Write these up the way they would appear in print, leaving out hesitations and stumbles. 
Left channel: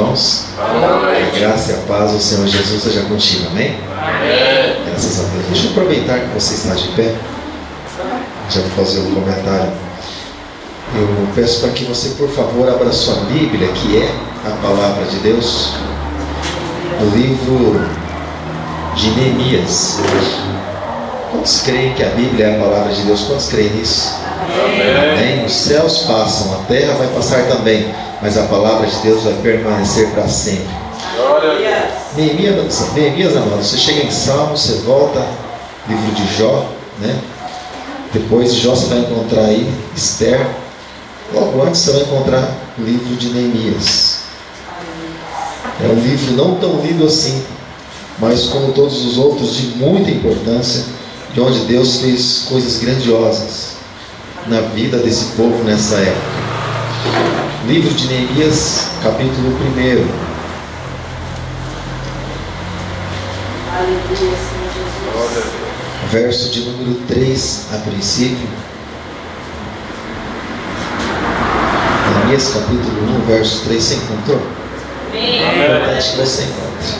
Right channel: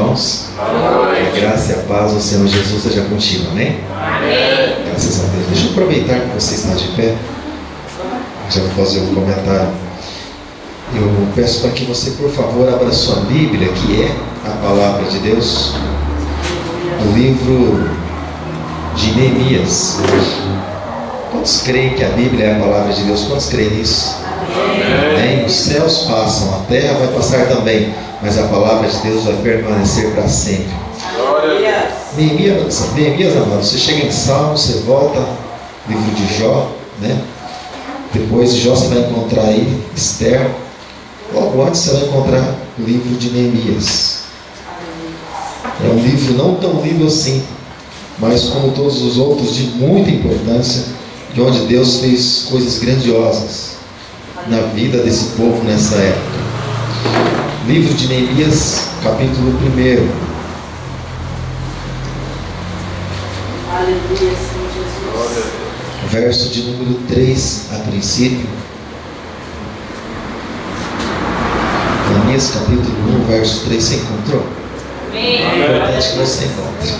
irmãos. Boa noite. A graça e a paz do Senhor Jesus seja contigo, amém? Amém. Graças a Deus. Deixa eu aproveitar que você está de pé. Já vou fazer um comentário. Eu peço para que você, por favor, abra sua Bíblia, que é a palavra de Deus, no livro de Neemias. Quantos creem que a Bíblia é a palavra de Deus? Quantos creem nisso? Amém. Os céus passam, a terra vai passar também, mas a palavra de Deus vai permanecer para sempre. Neemias, amado, você chega em Salmo, você volta, livro de Jó, né? Depois de Jó você vai encontrar aí Esther. Logo antes você vai encontrar o livro de Neemias. É um livro não tão lido assim, mas como todos os outros, de muita importância, de onde Deus fez coisas grandiosas na vida desse povo nessa época. Livro de Neemias, capítulo 1. Aleluia, Senhor Jesus. Verso de número 3 a princípio. Neemias capítulo 1, verso 3, você encontrou? É importante que você encontre.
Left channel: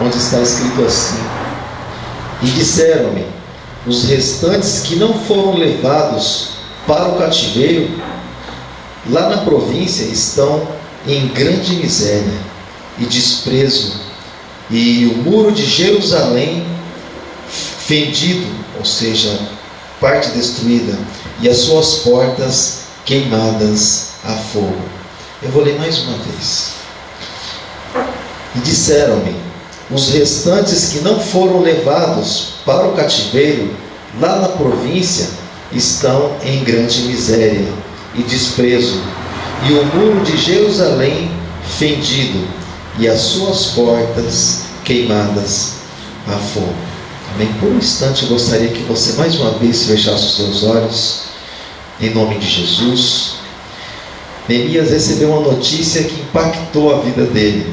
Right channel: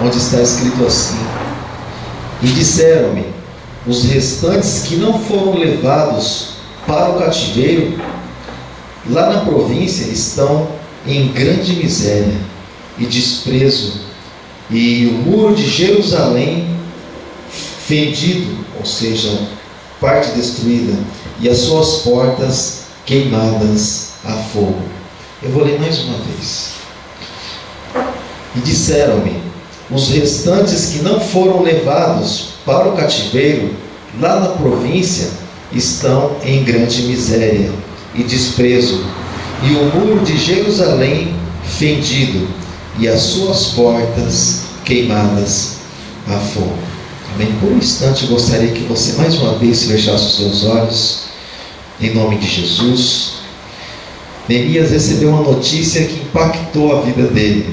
Onde está escrito assim: e disseram-me os restantes que não foram levados para o cativeiro, lá na província estão em grande miséria e desprezo, e o muro de Jerusalém fendido, ou seja, parte destruída, e as suas portas queimadas a fogo. Eu vou ler mais uma vez. E disseram-me os restantes que não foram levados para o cativeiro, lá na província estão em grande miséria e desprezo, e o muro de Jerusalém fendido, e as suas portas queimadas a fogo. Amém? Por um instante eu gostaria que você mais uma vez fechasse os seus olhos, em nome de Jesus. Neemias recebeu uma notícia que impactou a vida dele.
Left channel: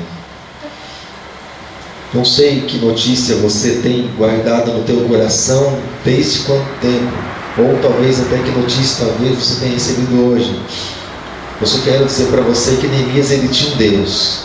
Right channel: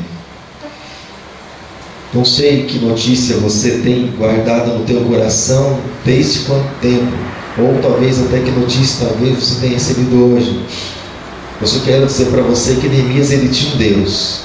Não sei que notícia você tem guardado no teu coração desde quanto tempo, ou talvez até que notícia talvez você tenha recebido hoje. Eu só quero dizer para você que Neemias, ele tinha um Deus,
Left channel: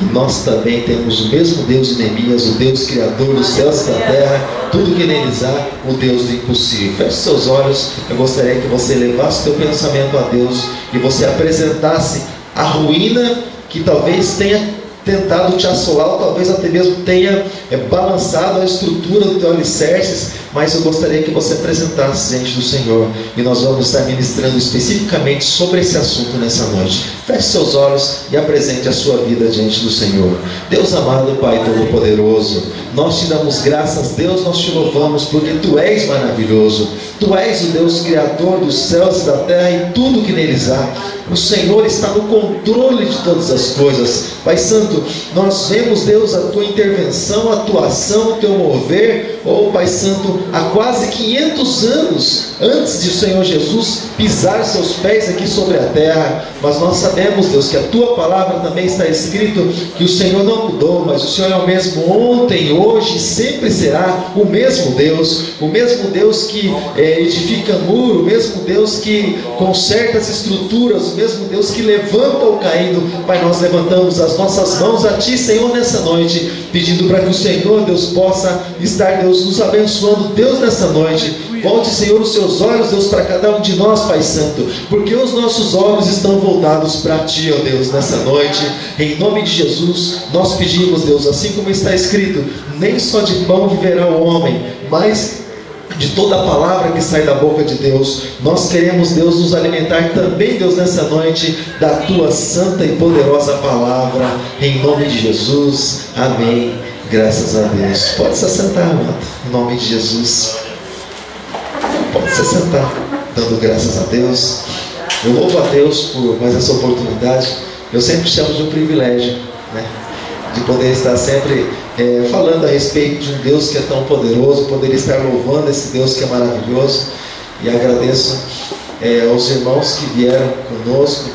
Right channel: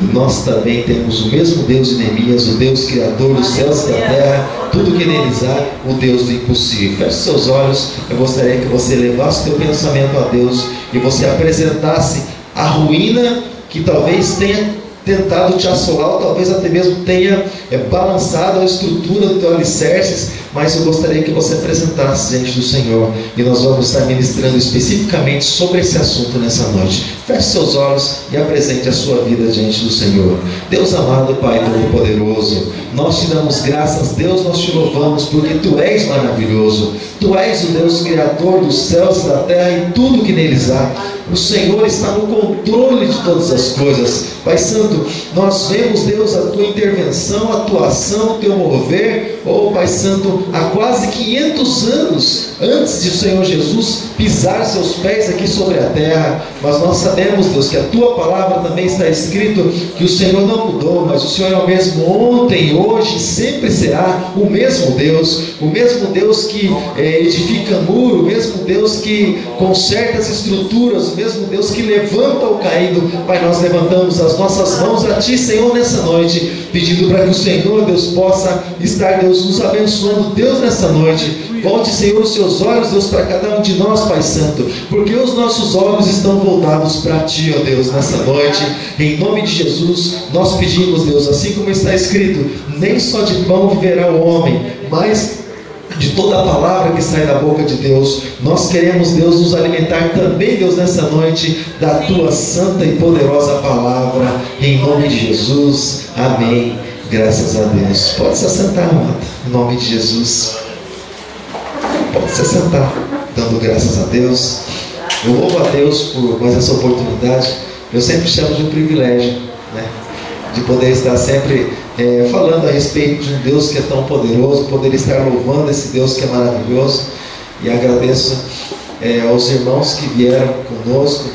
e nós também temos o mesmo Deus de Neemias, o Deus criador dos céus e da terra, tudo que neles há, o Deus do impossível. Feche seus olhos. Eu gostaria que você levasse o teu pensamento a Deus e você apresentasse a ruína que talvez tenha tentado te assolar, ou talvez até mesmo tenha balançado a estrutura do teu alicerces, mas eu gostaria que você apresentasse diante do Senhor, e nós vamos estar ministrando especificamente sobre esse assunto nessa noite. Feche seus olhos e apresente a sua vida diante do Senhor. Deus amado, Pai Todo-Poderoso, nós te damos graças, Deus, nós te louvamos, porque Tu és maravilhoso. Tu és o Deus Criador dos céus e da terra e tudo que neles há. O Senhor está no controle de todas as coisas. Pai Santo, nós vemos, Deus, a Tua intervenção, a Tua ação, o Teu mover, Pai Santo, há quase 500 anos antes de o Senhor Jesus pisar seus pés aqui sobre a terra. Mas nós sabemos, Deus, que a Tua palavra também está escrito que o Senhor não mudou, mas o Senhor é o mesmo ontem, hoje e sempre será o mesmo Deus que edifica muro, o mesmo Deus que conserta as estruturas, o mesmo Deus que levanta o caído. Pai, nós levantamos as nossas mãos a Ti, Senhor, nessa noite, pedindo para que o Senhor, Deus, possa estar, Deus, nos abençoando, Deus, nessa noite. Volte, Senhor, os seus olhos, Deus, para cada um de nós, Pai Santo, porque os nossos olhos estão voltados para Ti, ó Deus, nessa noite. Em nome de Jesus, nós pedimos, Deus, assim como está escrito: nem só de pão viverá o homem, mas de toda a palavra que sai da boca de Deus. Nós queremos, Deus, nos alimentar também, Deus, nessa noite, da Tua santa e poderosa palavra, em nome de Jesus. Amém. Graças a Deus. Pode se assentar, amado, em nome de Jesus. Pode se sentar, dando graças a Deus. Eu louvo a Deus por mais essa oportunidade. Eu sempre chamo de um privilégio, né, de poder estar sempre falando a respeito de um Deus que é tão poderoso, poder estar louvando esse Deus que é maravilhoso. E agradeço aos irmãos que vieram conosco.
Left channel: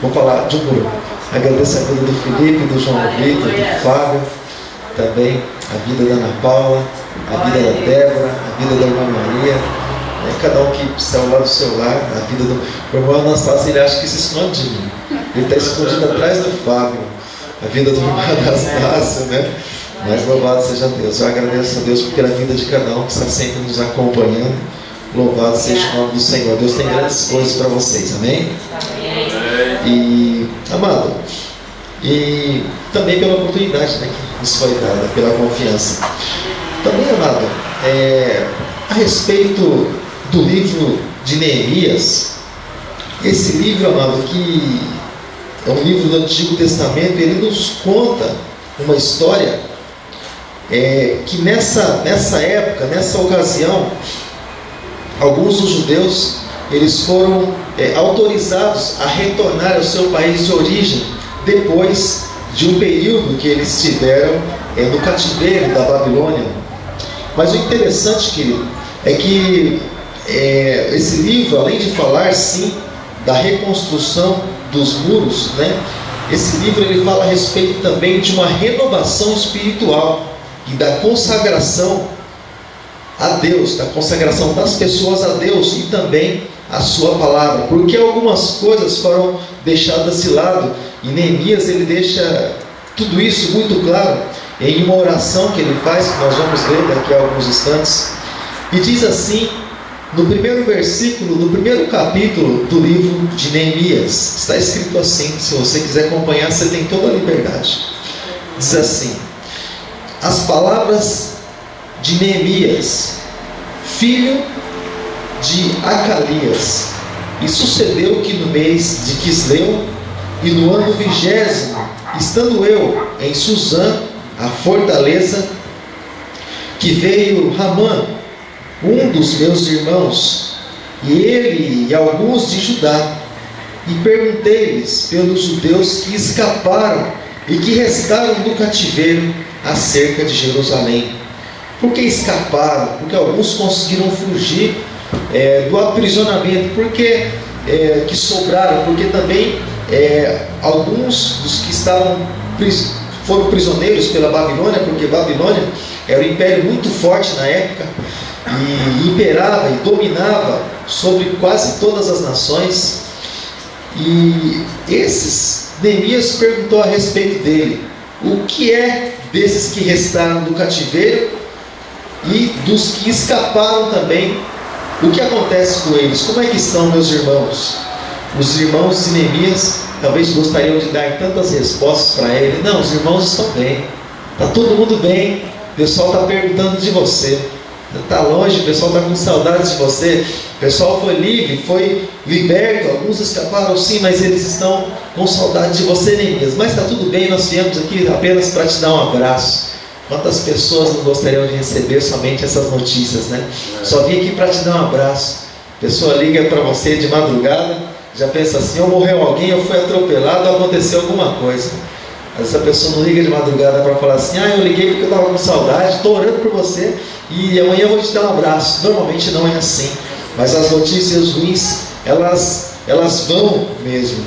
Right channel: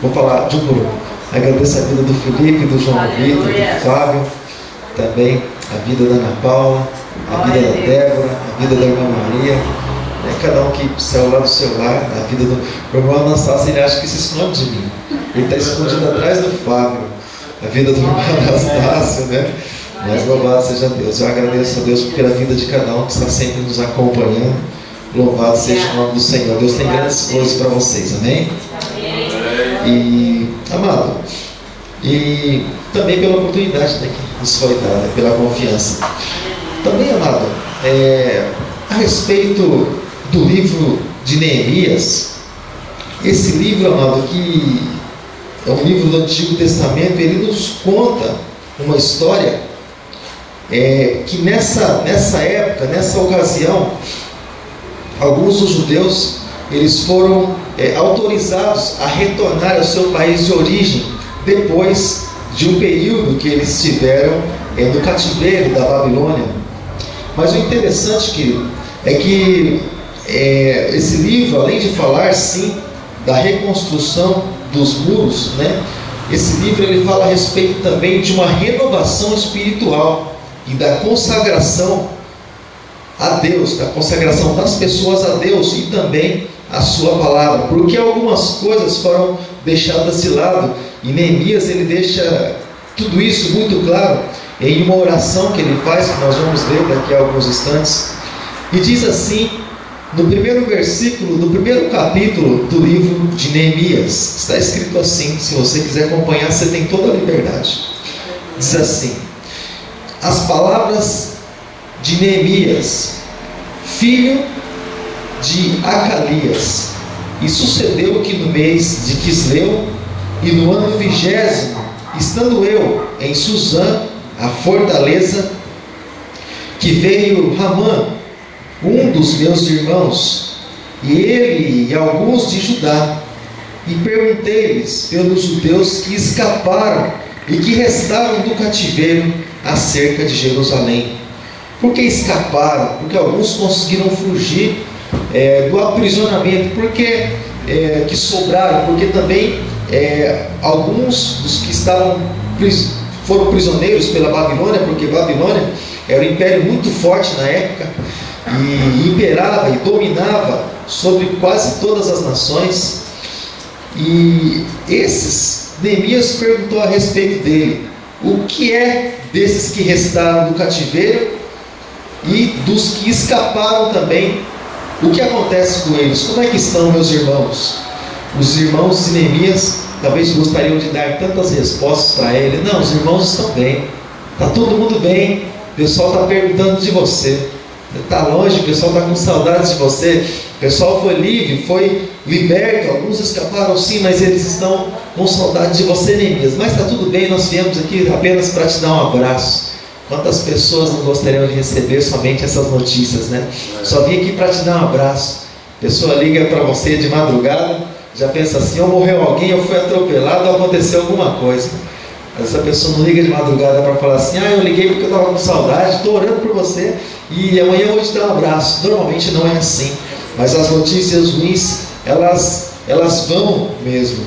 Vou falar de um grupo. Agradeço a vida do Felipe, do João Vitor, do Fábio, também a vida da Ana Paula, a vida da Débora, a vida da irmã Maria. Cada um que saiu lá do seu lar, a vida do meu irmão Anastácio, ele acha que se esconde de mim. Ele está escondido atrás do Fábio. a vida do irmão Anastácio, né? Mas louvado seja Deus. Eu agradeço a Deus pela vida de cada um que está sempre nos acompanhando. Louvado seja o nome do Senhor. Deus tem grandes coisas para vocês, amém? E, amado, e também pela oportunidade, né, que nos foi dada, pela confiança. Também, amado, a respeito do livro de Neemias, esse livro, amado, que é um livro do Antigo Testamento, ele nos conta uma história que nessa época, nessa ocasião, alguns dos judeus eles foram autorizados a retornar ao seu país de origem depois de um período que eles tiveram no cativeiro da Babilônia. Mas o interessante, querido, é que esse livro, além de falar sim da reconstrução dos muros, né, esse livro ele fala a respeito também de uma renovação espiritual e da consagração a Deus, da consagração das pessoas a Deus e também a sua palavra, porque algumas coisas foram deixadas de lado, e Neemias ele deixa tudo isso muito claro em uma oração que ele faz, que nós vamos ler daqui a alguns instantes, e diz assim, no primeiro versículo, no primeiro capítulo do livro de Neemias, está escrito assim, se você quiser acompanhar, você tem toda a liberdade. Diz assim: as palavras de Neemias, filho de Acalias, e sucedeu que no mês de Quisleu, e no ano 20º, estando eu em Suzã, a fortaleza, que veio Ramã, um dos meus irmãos, e ele e alguns de Judá, e perguntei-lhes pelos judeus que escaparam e que restaram do cativeiro acerca de Jerusalém. Por que escaparam? Porque alguns conseguiram fugir do aprisionamento, porque que sobraram, porque também alguns dos que foram prisioneiros pela Babilônia, porque Babilônia era um império muito forte na época, e imperava e dominava sobre quase todas as nações. E Neemias perguntou a respeito dele: o que é desses que restaram do cativeiro e dos que escaparam também? O que acontece com eles? Como é que estão, meus irmãos? Os irmãos de Neemias talvez gostariam de dar tantas respostas para ele. Não, os irmãos estão bem, está todo mundo bem, o pessoal está perguntando de você, está longe, o pessoal está com saudades de você, o pessoal foi livre, foi liberto, alguns escaparam sim, mas eles estão com saudade de você, Neemias. Mas está tudo bem, nós viemos aqui apenas para te dar um abraço. Quantas pessoas não gostariam de receber somente essas notícias, né? Só vim aqui para te dar um abraço. A pessoa liga para você de madrugada, já pensa assim: ou morreu alguém, ou foi atropelado, ou aconteceu alguma coisa. Essa pessoa não liga de madrugada para falar assim: eu liguei porque eu estava com saudade, estou orando por você e amanhã eu vou te dar um abraço. Normalmente não é assim, mas as notícias ruins, elas vão mesmo.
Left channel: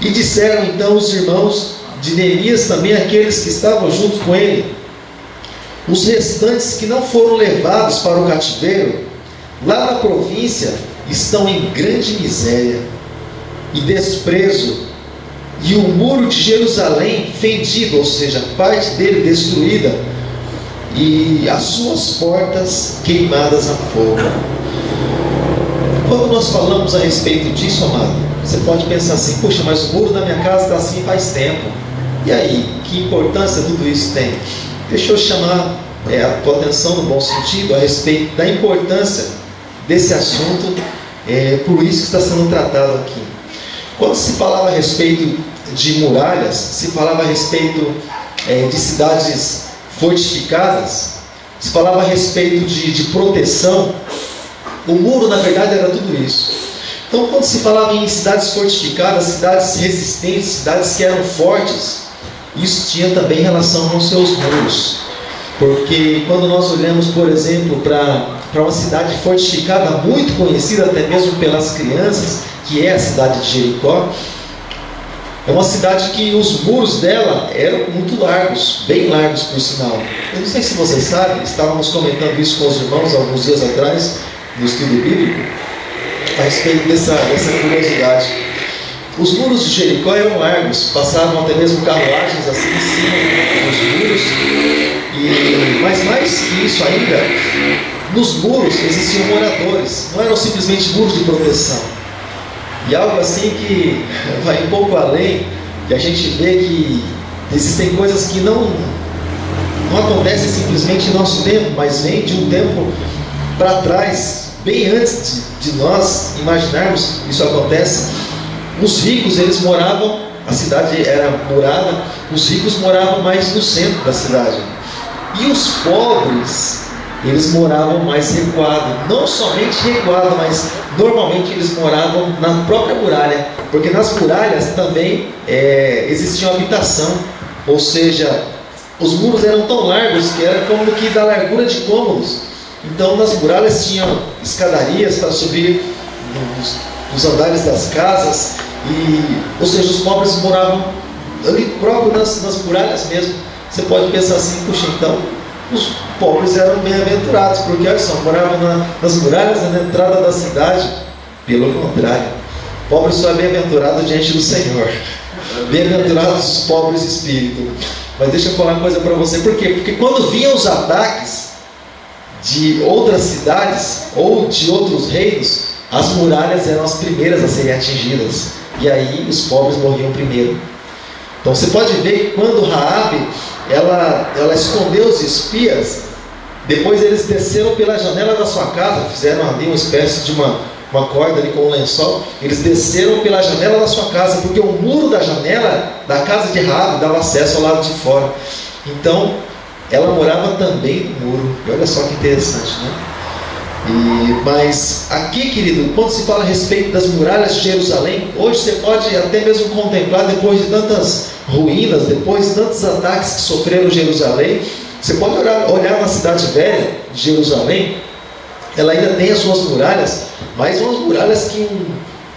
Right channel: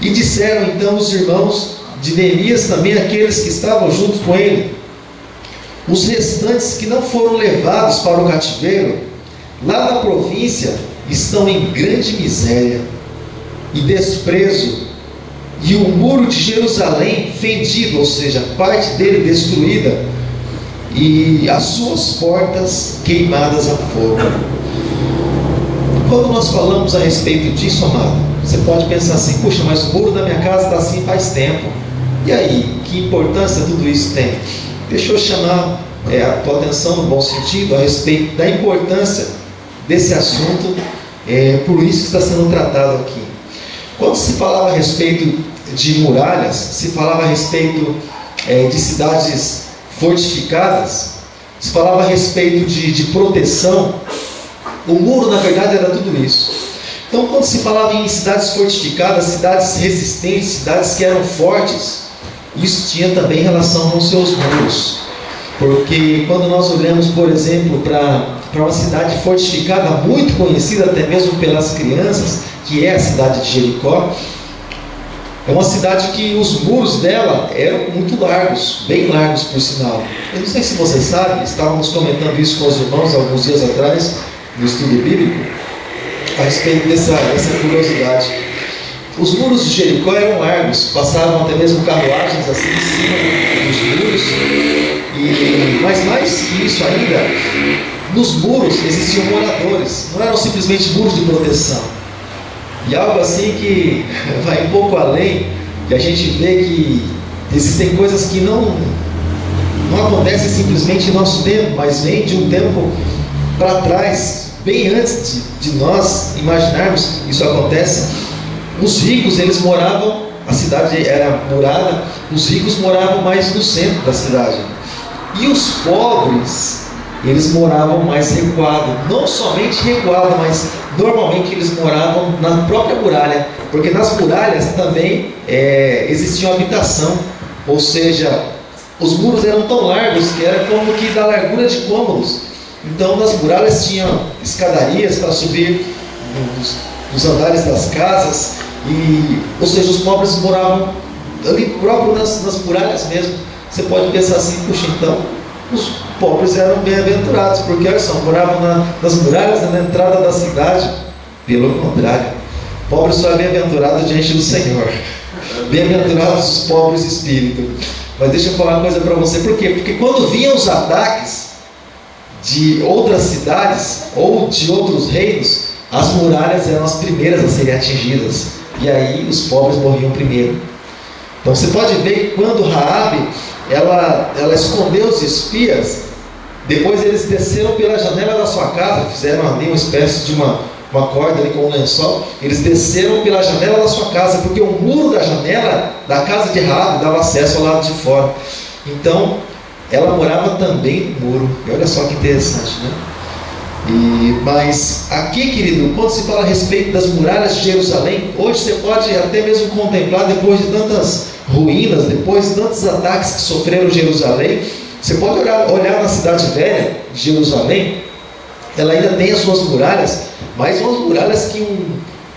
E disseram então os irmãos de Neemias, também aqueles que estavam junto com ele: os restantes que não foram levados para o cativeiro, lá na província, estão em grande miséria e desprezo, e o muro de Jerusalém fendido, ou seja, parte dele destruída, e as suas portas queimadas a fogo. Quando nós falamos a respeito disso, amado, você pode pensar assim: puxa, mas o muro da minha casa está assim faz tempo. E aí, que importância tudo isso tem? Deixa eu chamar a tua atenção no bom sentido a respeito da importância desse assunto, por isso está sendo tratado aqui. Quando se falava a respeito de muralhas, se falava a respeito de cidades fortificadas, se falava a respeito de proteção. O muro, na verdade, era tudo isso. Então, quando se falava em cidades fortificadas, cidades resistentes, cidades que eram fortes, isso tinha também relação com seus muros. Porque quando nós olhamos, por exemplo, para uma cidade fortificada, muito conhecida até mesmo pelas crianças, que é a cidade de Jericó, é uma cidade que os muros dela eram muito largos, bem largos por sinal. Eu não sei se vocês sabem, estávamos comentando isso com os irmãos alguns dias atrás, no estudo bíblico, a respeito dessa curiosidade. Os muros de Jericó eram largos, passavam até mesmo carruagens assim em cima dos muros. Mas mais que isso ainda, nos muros existiam moradores, não eram simplesmente muros de proteção. E algo assim que vai um pouco além, que a gente vê que existem coisas que não acontecem simplesmente em nosso tempo, mas vem de um tempo para trás, bem antes de nós imaginarmos isso acontece. Os ricos, eles moravam, a cidade era murada, os ricos moravam mais no centro da cidade. E os pobres, eles moravam mais recuado, não somente recuado, mas normalmente eles moravam na própria muralha, porque nas muralhas também existia habitação, ou seja, os muros eram tão largos que era como que da largura de cômodos. Então nas muralhas tinham escadarias para subir nos andares das casas, ou seja, os pobres moravam ali próprio nas muralhas mesmo. Você pode pensar assim, puxa, então os pobres eram bem-aventurados, porque olha só, moravam nas muralhas, na entrada da cidade. Pelo contrário, pobre só é bem-aventurado diante do Senhor. Bem-aventurados os pobres de espírito. Mas deixa eu falar uma coisa para você. Por quê? Porque quando vinham os ataques de outras cidades ou de outros reinos, as muralhas eram as primeiras a serem atingidas, e aí os pobres morriam primeiro. Então você pode ver que quando Raabe ela escondeu os espias, depois eles desceram pela janela da sua casa, fizeram ali uma espécie de uma corda ali com um lençol. Eles desceram pela janela da sua casa, porque o muro da janela da casa de Raabe dava acesso ao lado de fora. Então ela morava também no muro. E olha só que interessante, né? Mas aqui, querido, quando se fala a respeito das muralhas de Jerusalém, hoje você pode até mesmo contemplar, depois de tantas ruínas, depois de tantos ataques que sofreram Jerusalém, você pode olhar na cidade velha de Jerusalém. Ela ainda tem as suas muralhas, mas umas muralhas que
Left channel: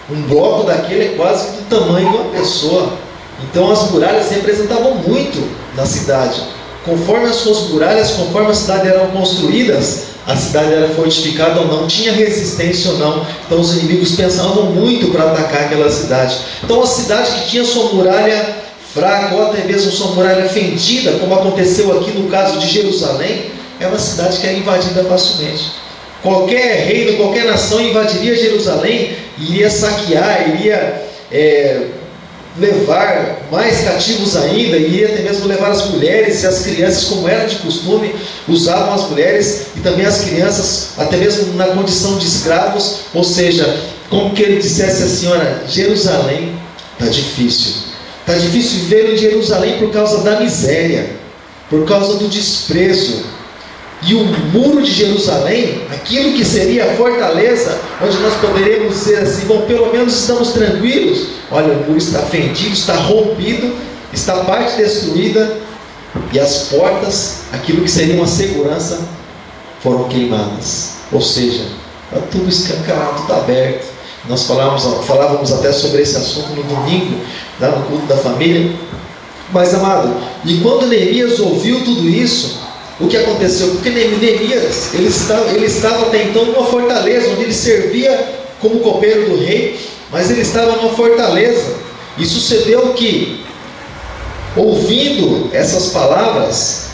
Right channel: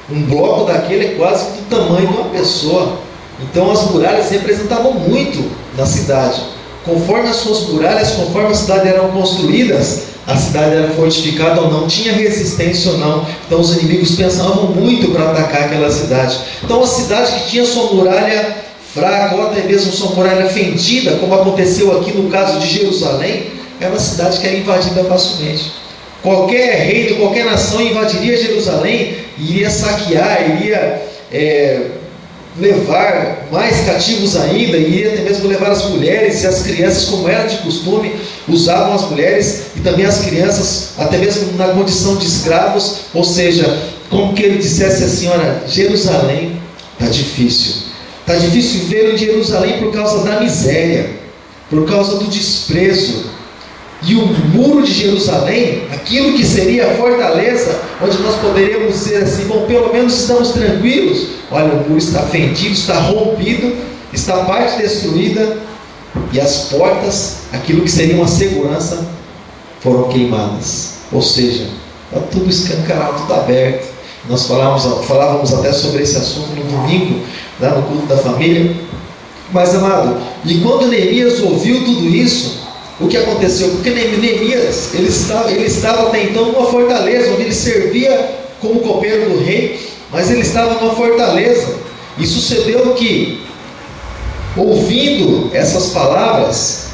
um bloco daquele é quase do tamanho de uma pessoa. Então as muralhas representavam muito na cidade. Conforme as suas muralhas, conforme a cidade eram construídas, a cidade era fortificada ou não, tinha resistência ou não. Então os inimigos pensavam muito para atacar aquela cidade. Então a cidade que tinha sua muralha fraca, ou até mesmo sua muralha fendida, como aconteceu aqui no caso de Jerusalém, é uma cidade que era invadida facilmente. Qualquer reino, qualquer nação invadiria Jerusalém, iria saquear, iria levar mais cativos ainda, iria até mesmo levar as mulheres e as crianças, como era de costume, usavam as mulheres e também as crianças, até mesmo na condição de escravos. Ou seja, como que ele dissesse assim: olha, Jerusalém está difícil viver em Jerusalém por causa da miséria, por causa do desprezo. E o muro de Jerusalém, aquilo que seria a fortaleza, onde nós poderíamos dizer assim: bom, pelo menos estamos tranquilos. Olha, o muro está fendido, está rompido, está parte destruída, e as portas, aquilo que seria uma segurança, foram queimadas. Ou seja, está tudo escancarado, tudo aberto. Nós falávamos até sobre esse assunto no domingo, lá no culto da família. Mas, amado, e quando Neemias ouviu tudo isso, o que aconteceu? Porque Neemias, ele estava até então numa fortaleza, onde ele servia como copeiro do rei, mas ele estava numa fortaleza. E sucedeu que, ouvindo essas palavras,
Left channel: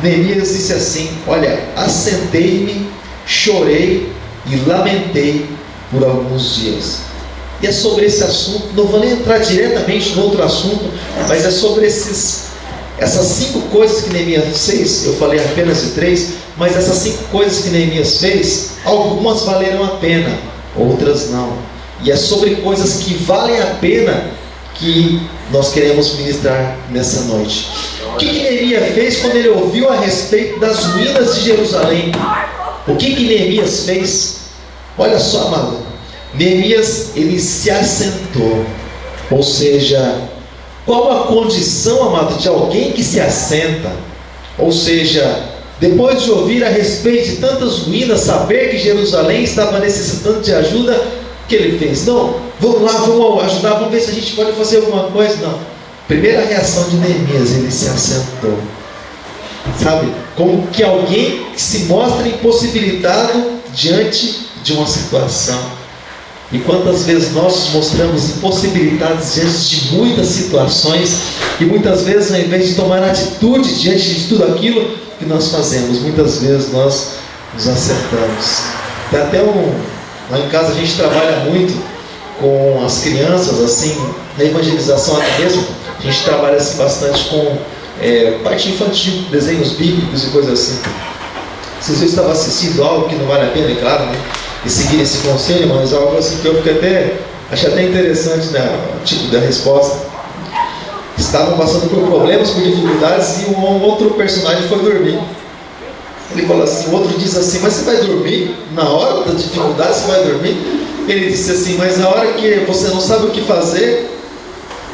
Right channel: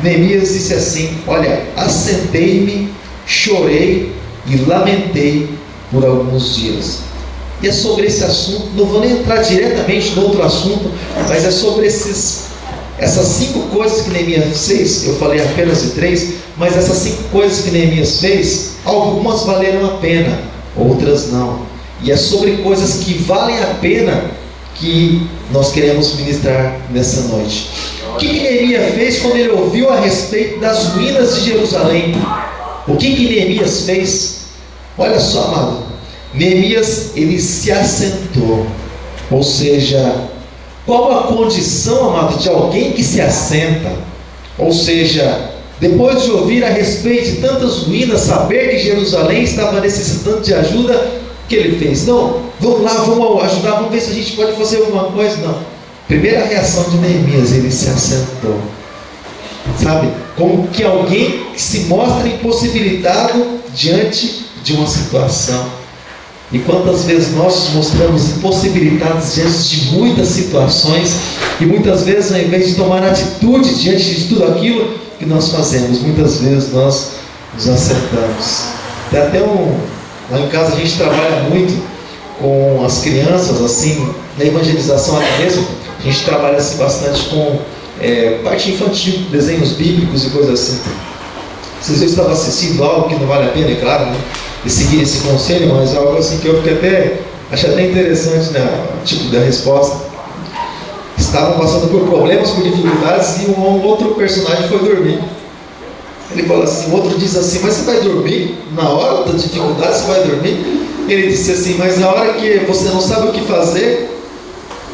Neemias disse assim: olha, assentei-me, chorei e lamentei por alguns dias. E é sobre esse assunto, não vou nem entrar diretamente no outro assunto, mas é sobre essas 5 coisas que Neemias fez. Eu falei apenas de 3, mas essas 5 coisas que Neemias fez, algumas valeram a pena, outras não. E é sobre coisas que valem a pena que nós queremos ministrar nessa noite. O que Neemias fez quando ele ouviu a respeito das ruínas de Jerusalém? O que Neemias fez? Olha só, amado, Neemias, ele se assentou. Ou seja, qual a condição, amado, de alguém que se assenta? Ou seja, depois de ouvir a respeito de tantas ruínas, saber que Jerusalém estava necessitando de ajuda, o que ele fez? Não, vamos lá, vamos ajudar, vamos ver se a gente pode fazer alguma coisa. Não. Primeira reação de Neemias, ele se assentou. Sabe? Como que alguém que se mostra impossibilitado diante de uma situação. E quantas vezes nós nos mostramos impossibilitados diante de muitas situações, e muitas vezes, ao invés de tomar atitude diante de tudo aquilo que nós fazemos, muitas vezes nós nos acertamos. Tem até lá em casa a gente trabalha muito com as crianças, assim, na evangelização até mesmo, a gente trabalha assim, bastante com parte infantil, desenhos bíblicos e coisas assim. Vocês vezes estavam assistindo algo que não vale a pena, é claro, né? E seguir esse conselho, mas algo assim que eu achei até interessante, né? O tipo da resposta. Estavam passando por problemas, por dificuldades, e um outro personagem foi dormir. Ele falou assim, o outro diz assim, mas você vai dormir? Na hora da dificuldade você vai dormir? Ele disse assim, mas na hora que você não sabe o que fazer,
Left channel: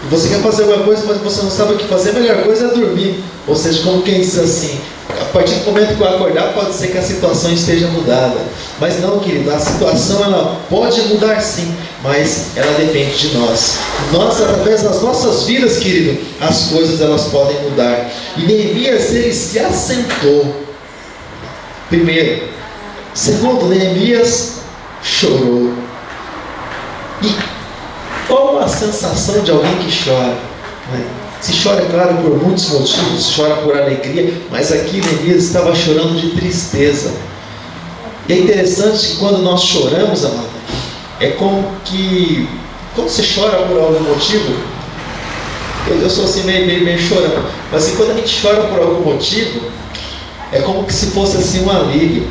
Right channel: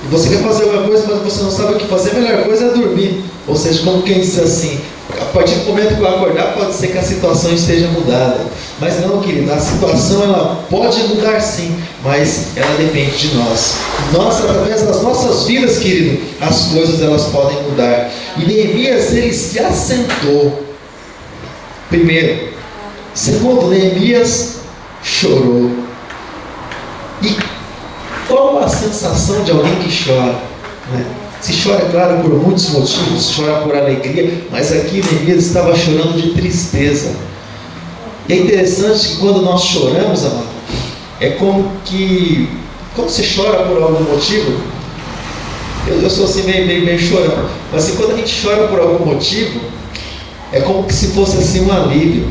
e você quer fazer alguma coisa, mas você não sabe o que fazer, a melhor coisa é dormir. Ou seja, como quem diz assim, a partir do momento que eu acordar, pode ser que a situação esteja mudada. Mas não, querido, a situação ela pode mudar sim, mas ela depende de nós. Nós, através das nossas vidas, querido, as coisas elas podem mudar. E Neemias, ele se assentou. Primeiro. Segundo, Neemias chorou. E qual a sensação de alguém que chora? Se chora, é claro, por muitos motivos, chora por alegria, mas aqui Neemias estava chorando de tristeza. E é interessante que quando nós choramos, amado, é como que, quando você chora por algum motivo, eu sou assim meio chorando, mas assim, quando a gente chora por algum motivo, é como que se fosse assim um alívio,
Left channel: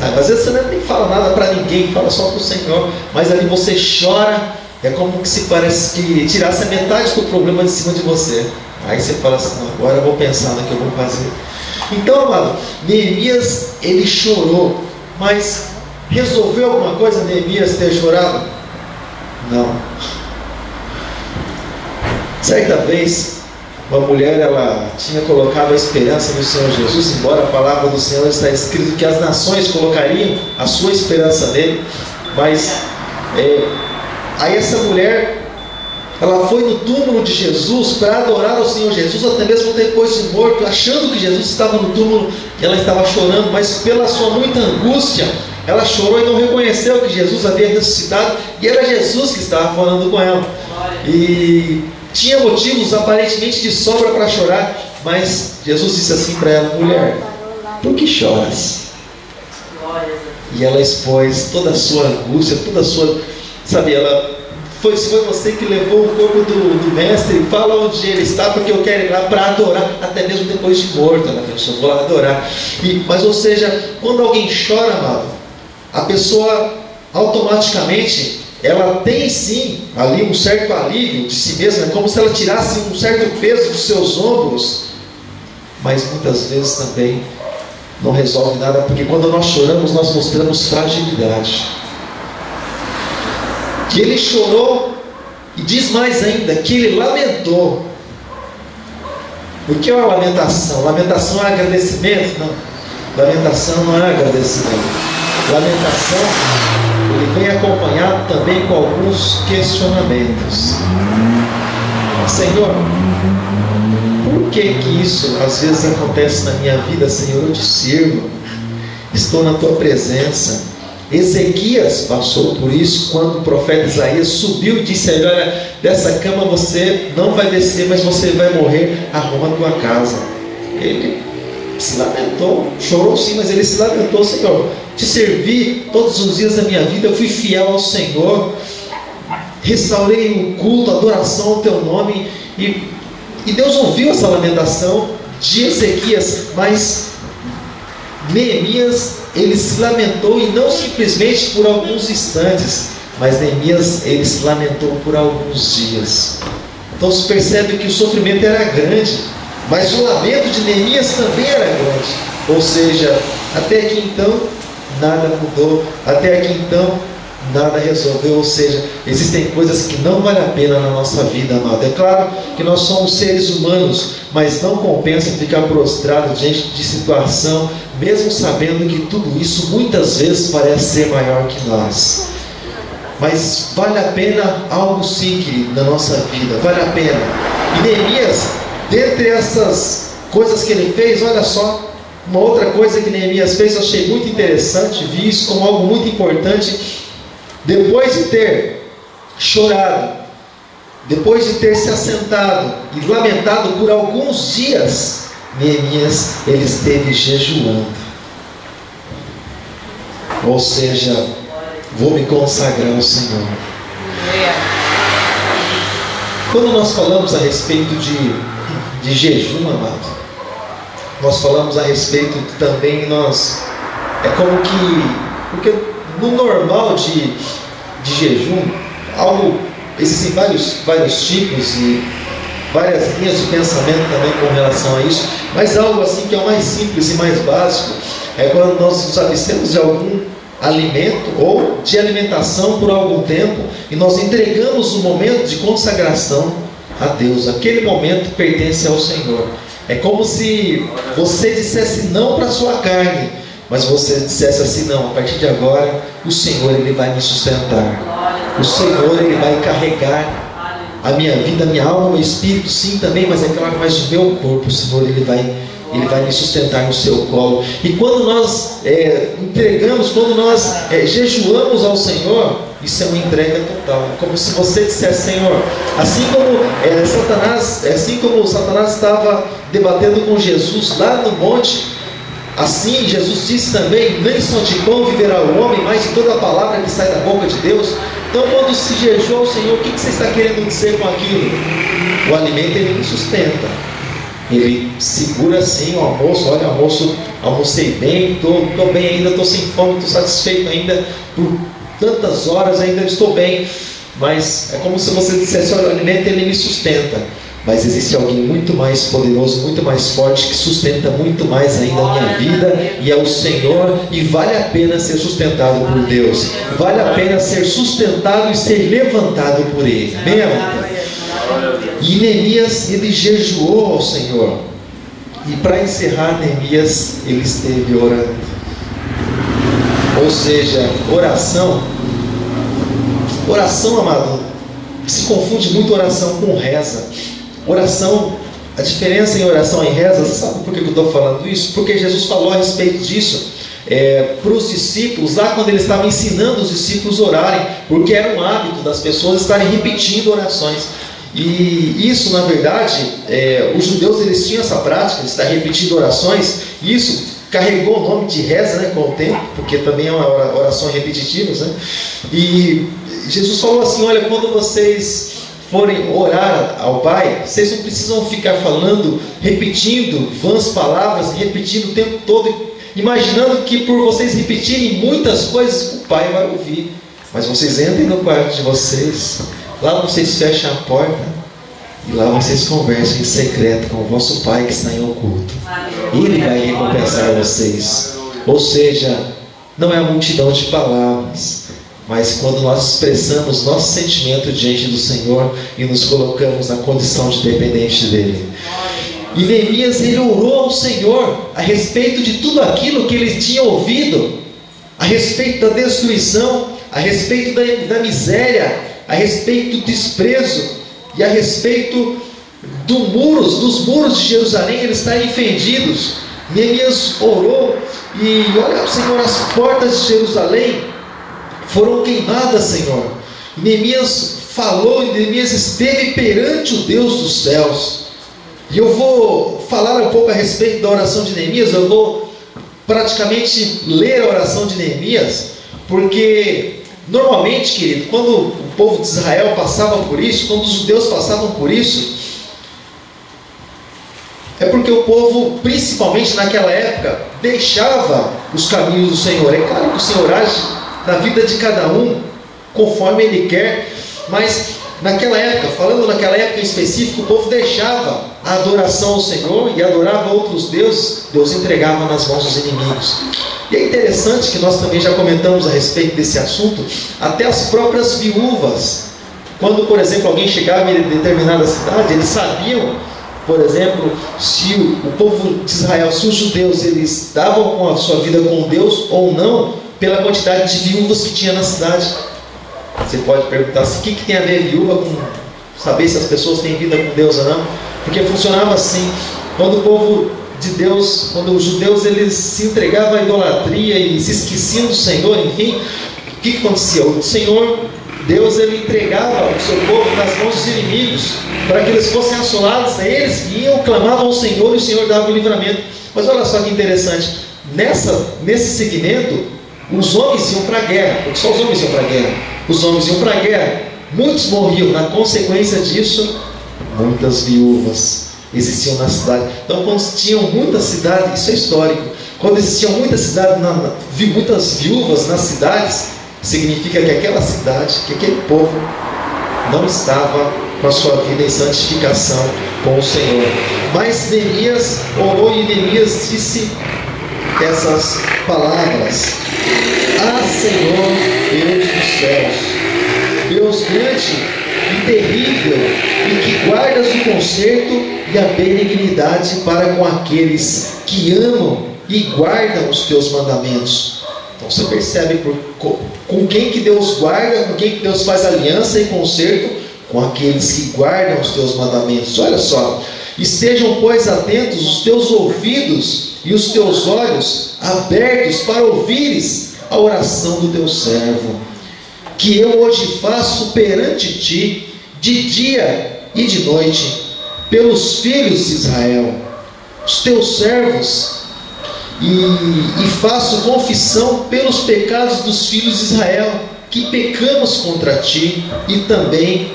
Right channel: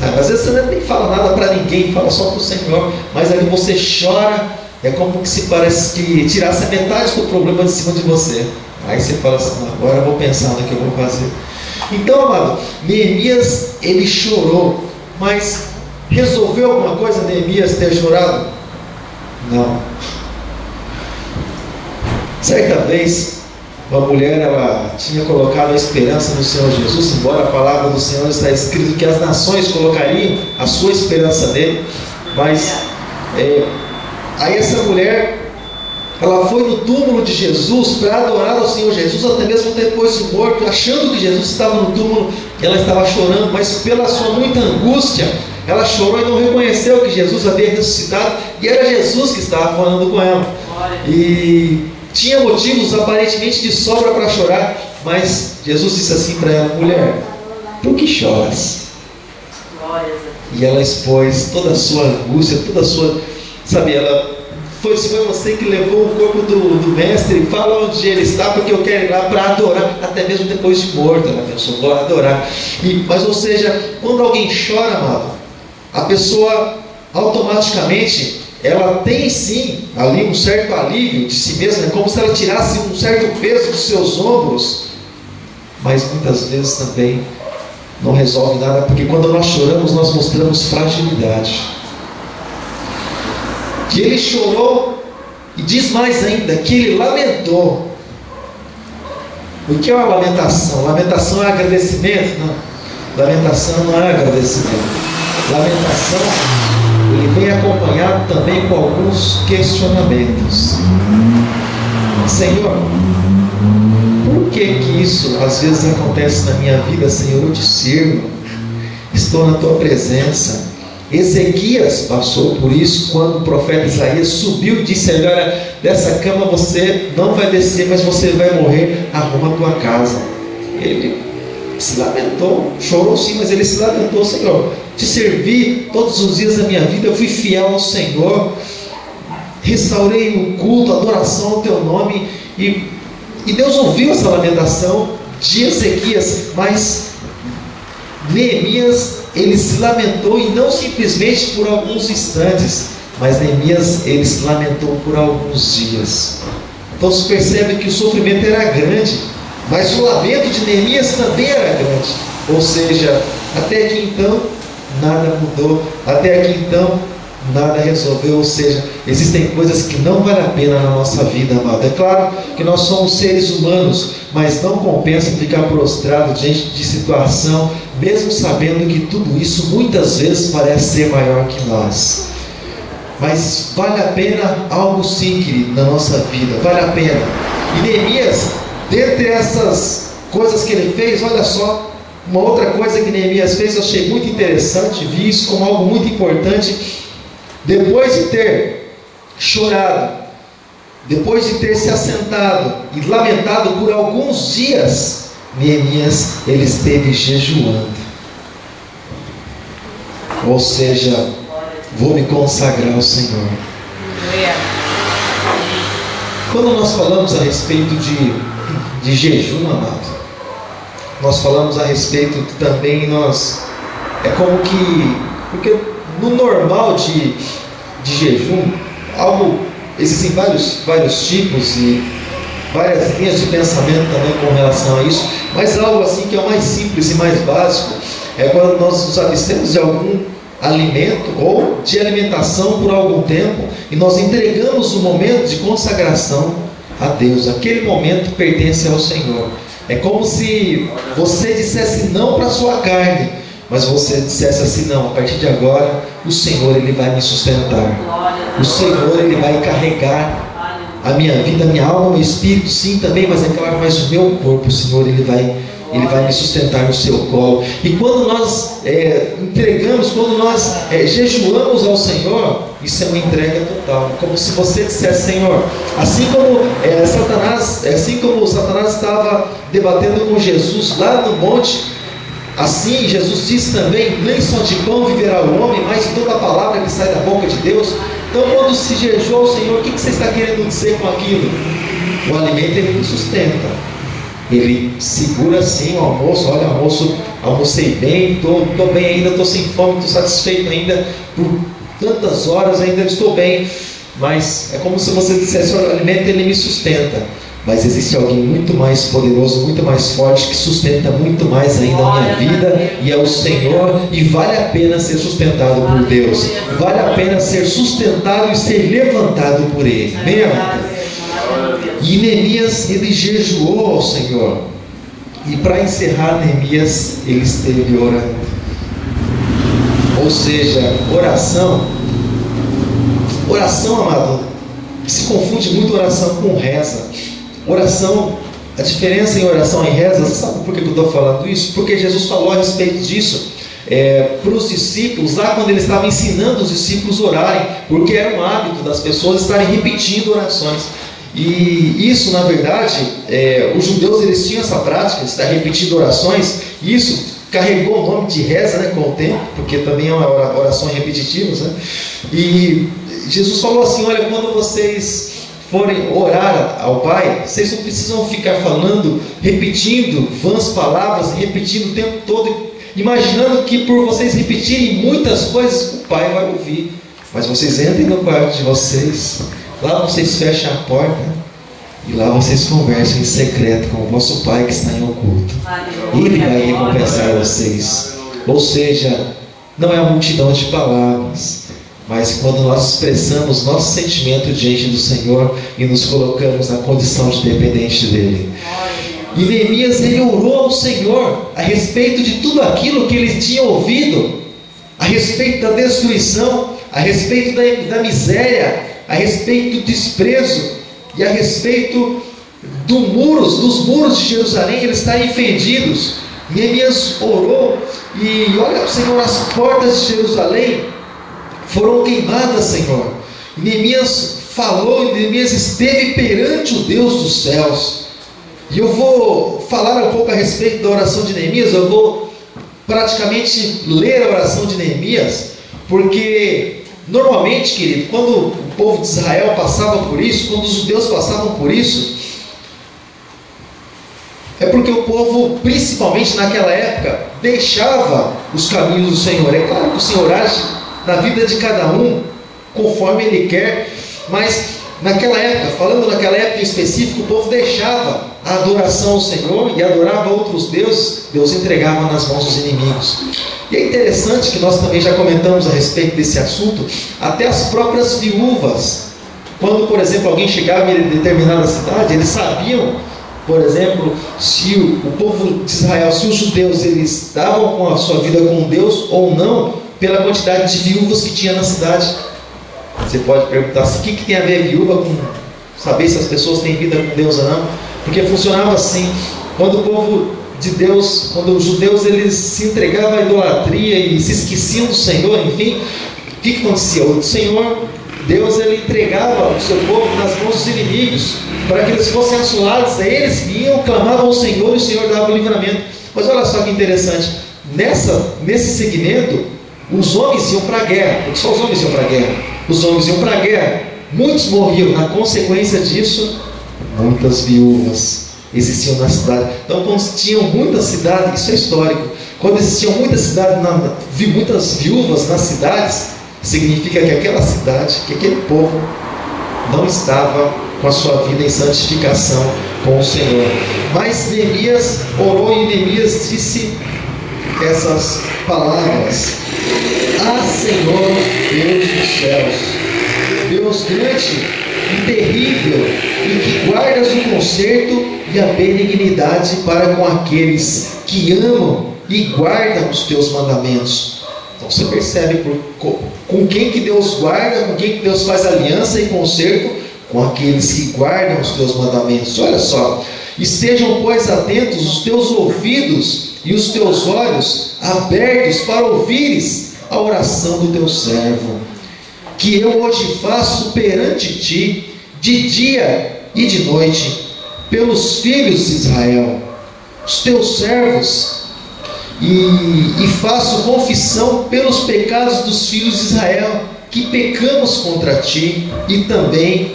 sabe? Às vezes você nem fala nada para ninguém, fala só para o Senhor, mas ali você chora. É como que se parece que tirasse a metade do problema de cima de você. Aí você fala assim, agora eu vou pensar no que eu vou fazer. Então, amado, Neemias, ele chorou. Mas resolveu alguma coisa Neemias ter chorado? Não. Certa vez, uma mulher, ela tinha colocado a esperança no Senhor Jesus, embora a palavra do Senhor está escrito que as nações colocariam a sua esperança nele. Mas aí essa mulher, ela foi no túmulo de Jesus para adorar ao Senhor Jesus, até mesmo depois de morto, achando que Jesus estava no túmulo, que ela estava chorando, mas pela sua muita angústia, ela chorou e não reconheceu que Jesus havia ressuscitado, e era Jesus que estava falando com ela. E tinha motivos aparentemente de sobra para chorar, mas Jesus disse assim para ela, mulher, por que choras? E ela expôs toda a sua angústia, toda a sua... Sabe, se foi você que levou o corpo do mestre, fala onde ele está, porque eu quero ir lá para adorar, até mesmo depois de morto, ela pensou, vou lá adorar. Mas, ou seja, quando alguém chora, amado, a pessoa automaticamente, ela tem sim ali um certo alívio de si mesma, é como se ela tirasse um certo peso dos seus ombros, mas muitas vezes também não resolve nada, porque quando nós choramos, nós mostramos fragilidade. Que ele chorou, e diz mais ainda, que ele lamentou. O que é uma lamentação? Lamentação é agradecimento? Não. Lamentação não é agradecimento. Lamentação, ele vem acompanhado também com alguns questionamentos. Senhor, por que isso às vezes acontece na minha vida, Senhor? Eu te sirvo, estou na tua presença. Ezequias passou por isso quando o profeta Isaías subiu e disse: olha, dessa cama você não vai descer, mas você vai morrer, arruma a tua casa. Ele se lamentou, chorou sim, mas ele se lamentou: Senhor, te servi todos os dias da minha vida, eu fui fiel ao Senhor, restaurei o culto, a adoração ao teu nome, e Deus ouviu essa lamentação de Ezequias. Mas Neemias, ele se lamentou, e não simplesmente por alguns instantes, mas Neemias, ele se lamentou por alguns dias. Então se percebe que o sofrimento era grande, mas o lamento de Neemias também era grande. Ou seja, até aqui então nada mudou, até aqui então nada resolveu. Ou seja, existem coisas que não valem a pena na nossa vida, amado. É claro que nós somos seres humanos, mas não compensa ficar prostrado diante de situação, mesmo sabendo que tudo isso muitas vezes parece ser maior que nós. Mas vale a pena algo sim, querido, na nossa vida, vale a pena. E Neemias, dentre essas coisas que ele fez, olha só, uma outra coisa que Neemias fez, eu achei muito interessante, vi isso como algo muito importante. depois de ter chorado, depois de ter se assentado e lamentado por alguns dias, Neemias, ele esteve jejuando. Ou seja, vou me consagrar ao Senhor. Quando nós falamos a respeito de jejum, amado, nós falamos a respeito também, é como que, porque no normal de jejum, existem vários tipos e várias linhas de pensamento também com relação a isso, mas algo assim que é o mais simples e mais básico é quando nós nos abstemos de algum alimento ou de alimentação por algum tempo e nós entregamos o momento de consagração a Deus. Aquele momento pertence ao Senhor. É como se você dissesse não para a sua carne, mas você dissesse assim: não, a partir de agora o Senhor, Ele vai me sustentar, o Senhor, Ele vai carregar a minha vida, a minha alma, o meu espírito, sim, também, mas é claro, mas o meu corpo, o Senhor, Ele vai me sustentar no seu colo. E quando nós entregamos, quando nós jejuamos ao Senhor, isso é uma entrega total. Como se você dissesse: Senhor, assim como Satanás estava debatendo com Jesus lá no monte, assim Jesus disse também: nem só de pão viverá o homem, mas de toda a palavra que sai da boca de Deus. Então, quando se jejua ao Senhor, o que você está querendo dizer com aquilo? O alimento, ele me sustenta. Ele segura assim o almoço. Olha, almocei bem, estou bem ainda, estou sem fome, estou satisfeito ainda, por tantas horas ainda estou bem. Mas é como se você dissesse: olha, o alimento, ele me sustenta. Mas existe alguém muito mais poderoso, muito mais forte, que sustenta muito mais ainda a minha vida, e é o Senhor. E vale a pena ser sustentado por Deus, vale a pena ser sustentado e ser levantado por Ele. Bem, amado? E Neemias, ele jejuou ao Senhor. E para encerrar, Neemias, ele esteve orando. Ou seja, oração, amado, se confunde muito oração com reza. Oração, a diferença em oração e reza, você sabe por que eu estou falando isso? Porque Jesus falou a respeito disso para os discípulos, lá quando ele estava ensinando os discípulos a orarem, porque era um hábito das pessoas estarem repetindo orações. E isso, na verdade, os judeus, eles tinham essa prática de estar repetindo orações, e isso carregou o nome de reza, né, com o tempo, porque também é uma oração repetitiva, né? E Jesus falou assim: olha, quando vocês forem orar ao Pai, vocês não precisam ficar falando, repetindo vãs palavras, repetindo o tempo todo, imaginando que por vocês repetirem muitas coisas, o Pai vai ouvir. Mas vocês entrem no quarto de vocês, lá vocês fecham a porta, e lá vocês conversam em secreto com o vosso Pai que está em oculto. Ele vai recompensar vocês. Ou seja, não é a multidão de palavras, mas quando nós expressamos nosso sentimento diante do Senhor e nos colocamos na condição de dependente dEle. E Neemias, ele orou ao Senhor a respeito de tudo aquilo que ele tinha ouvido, a respeito da destruição, a respeito da miséria, a respeito do desprezo e a respeito dos muros de Jerusalém eles estarem fendidos. Neemias orou e olha, Senhor, as portas de Jerusalém foram queimadas, Senhor. E Neemias falou, e Neemias esteve perante o Deus dos céus. E eu vou falar um pouco a respeito da oração de Neemias. Eu vou praticamente ler a oração de Neemias, porque normalmente, querido, quando o povo de Israel passava por isso, quando os judeus passavam por isso, é porque o povo, principalmente naquela época, deixava os caminhos do Senhor. É claro que o Senhor age na vida de cada um conforme Ele quer, mas naquela época, falando naquela época em específico, o povo deixava a adoração ao Senhor e adorava outros deuses. Deus entregava nas mãos dos inimigos. E é interessante que nós também já comentamos a respeito desse assunto. Até as próprias viúvas, quando, por exemplo, alguém chegava em determinada cidade, eles sabiam, por exemplo, se o povo de Israel, se os judeus, eles davam com a sua vida com Deus ou não, pela quantidade de viúvas que tinha na cidade. Você pode perguntar assim: o que tem a ver viúva com saber se as pessoas têm vida com Deus ou não? Porque funcionava assim: quando o povo de Deus, quando os judeus eles se entregavam à idolatria e se esqueciam do Senhor, enfim, que acontecia? O Senhor, Deus, ele entregava o seu povo nas mãos dos inimigos, para que eles fossem assolados. Eles iam, clamavam ao Senhor e o Senhor dava o livramento. Mas olha só que interessante, nesse segmento, os homens iam para a guerra, porque só os homens iam para a guerra. Os homens iam para a guerra, muitos morriam. Na consequência disso, muitas viúvas existiam na cidade. Então, quando tinham muitas cidades, isso é histórico, quando existiam muitas cidades, muitas viúvas nas cidades, significa que aquela cidade, que aquele povo não estava com a sua vida em santificação com o Senhor. Mas Neemias orou e Neemias disse essas palavras: Ah, Senhor, Deus dos céus, Deus grande e terrível, e que guardas o conserto e a benignidade para com aqueles que amam e guardam os teus mandamentos. Então você percebe com quem que Deus guarda, com quem que Deus faz aliança e conserto? Com aqueles que guardam os teus mandamentos. Olha só: estejam, pois, atentos os teus ouvidos e os teus olhos abertos para ouvires a oração do teu servo, que eu hoje faço perante ti, de dia e de noite, pelos filhos de Israel, os teus servos, e faço confissão pelos pecados dos filhos de Israel, que pecamos contra ti, e também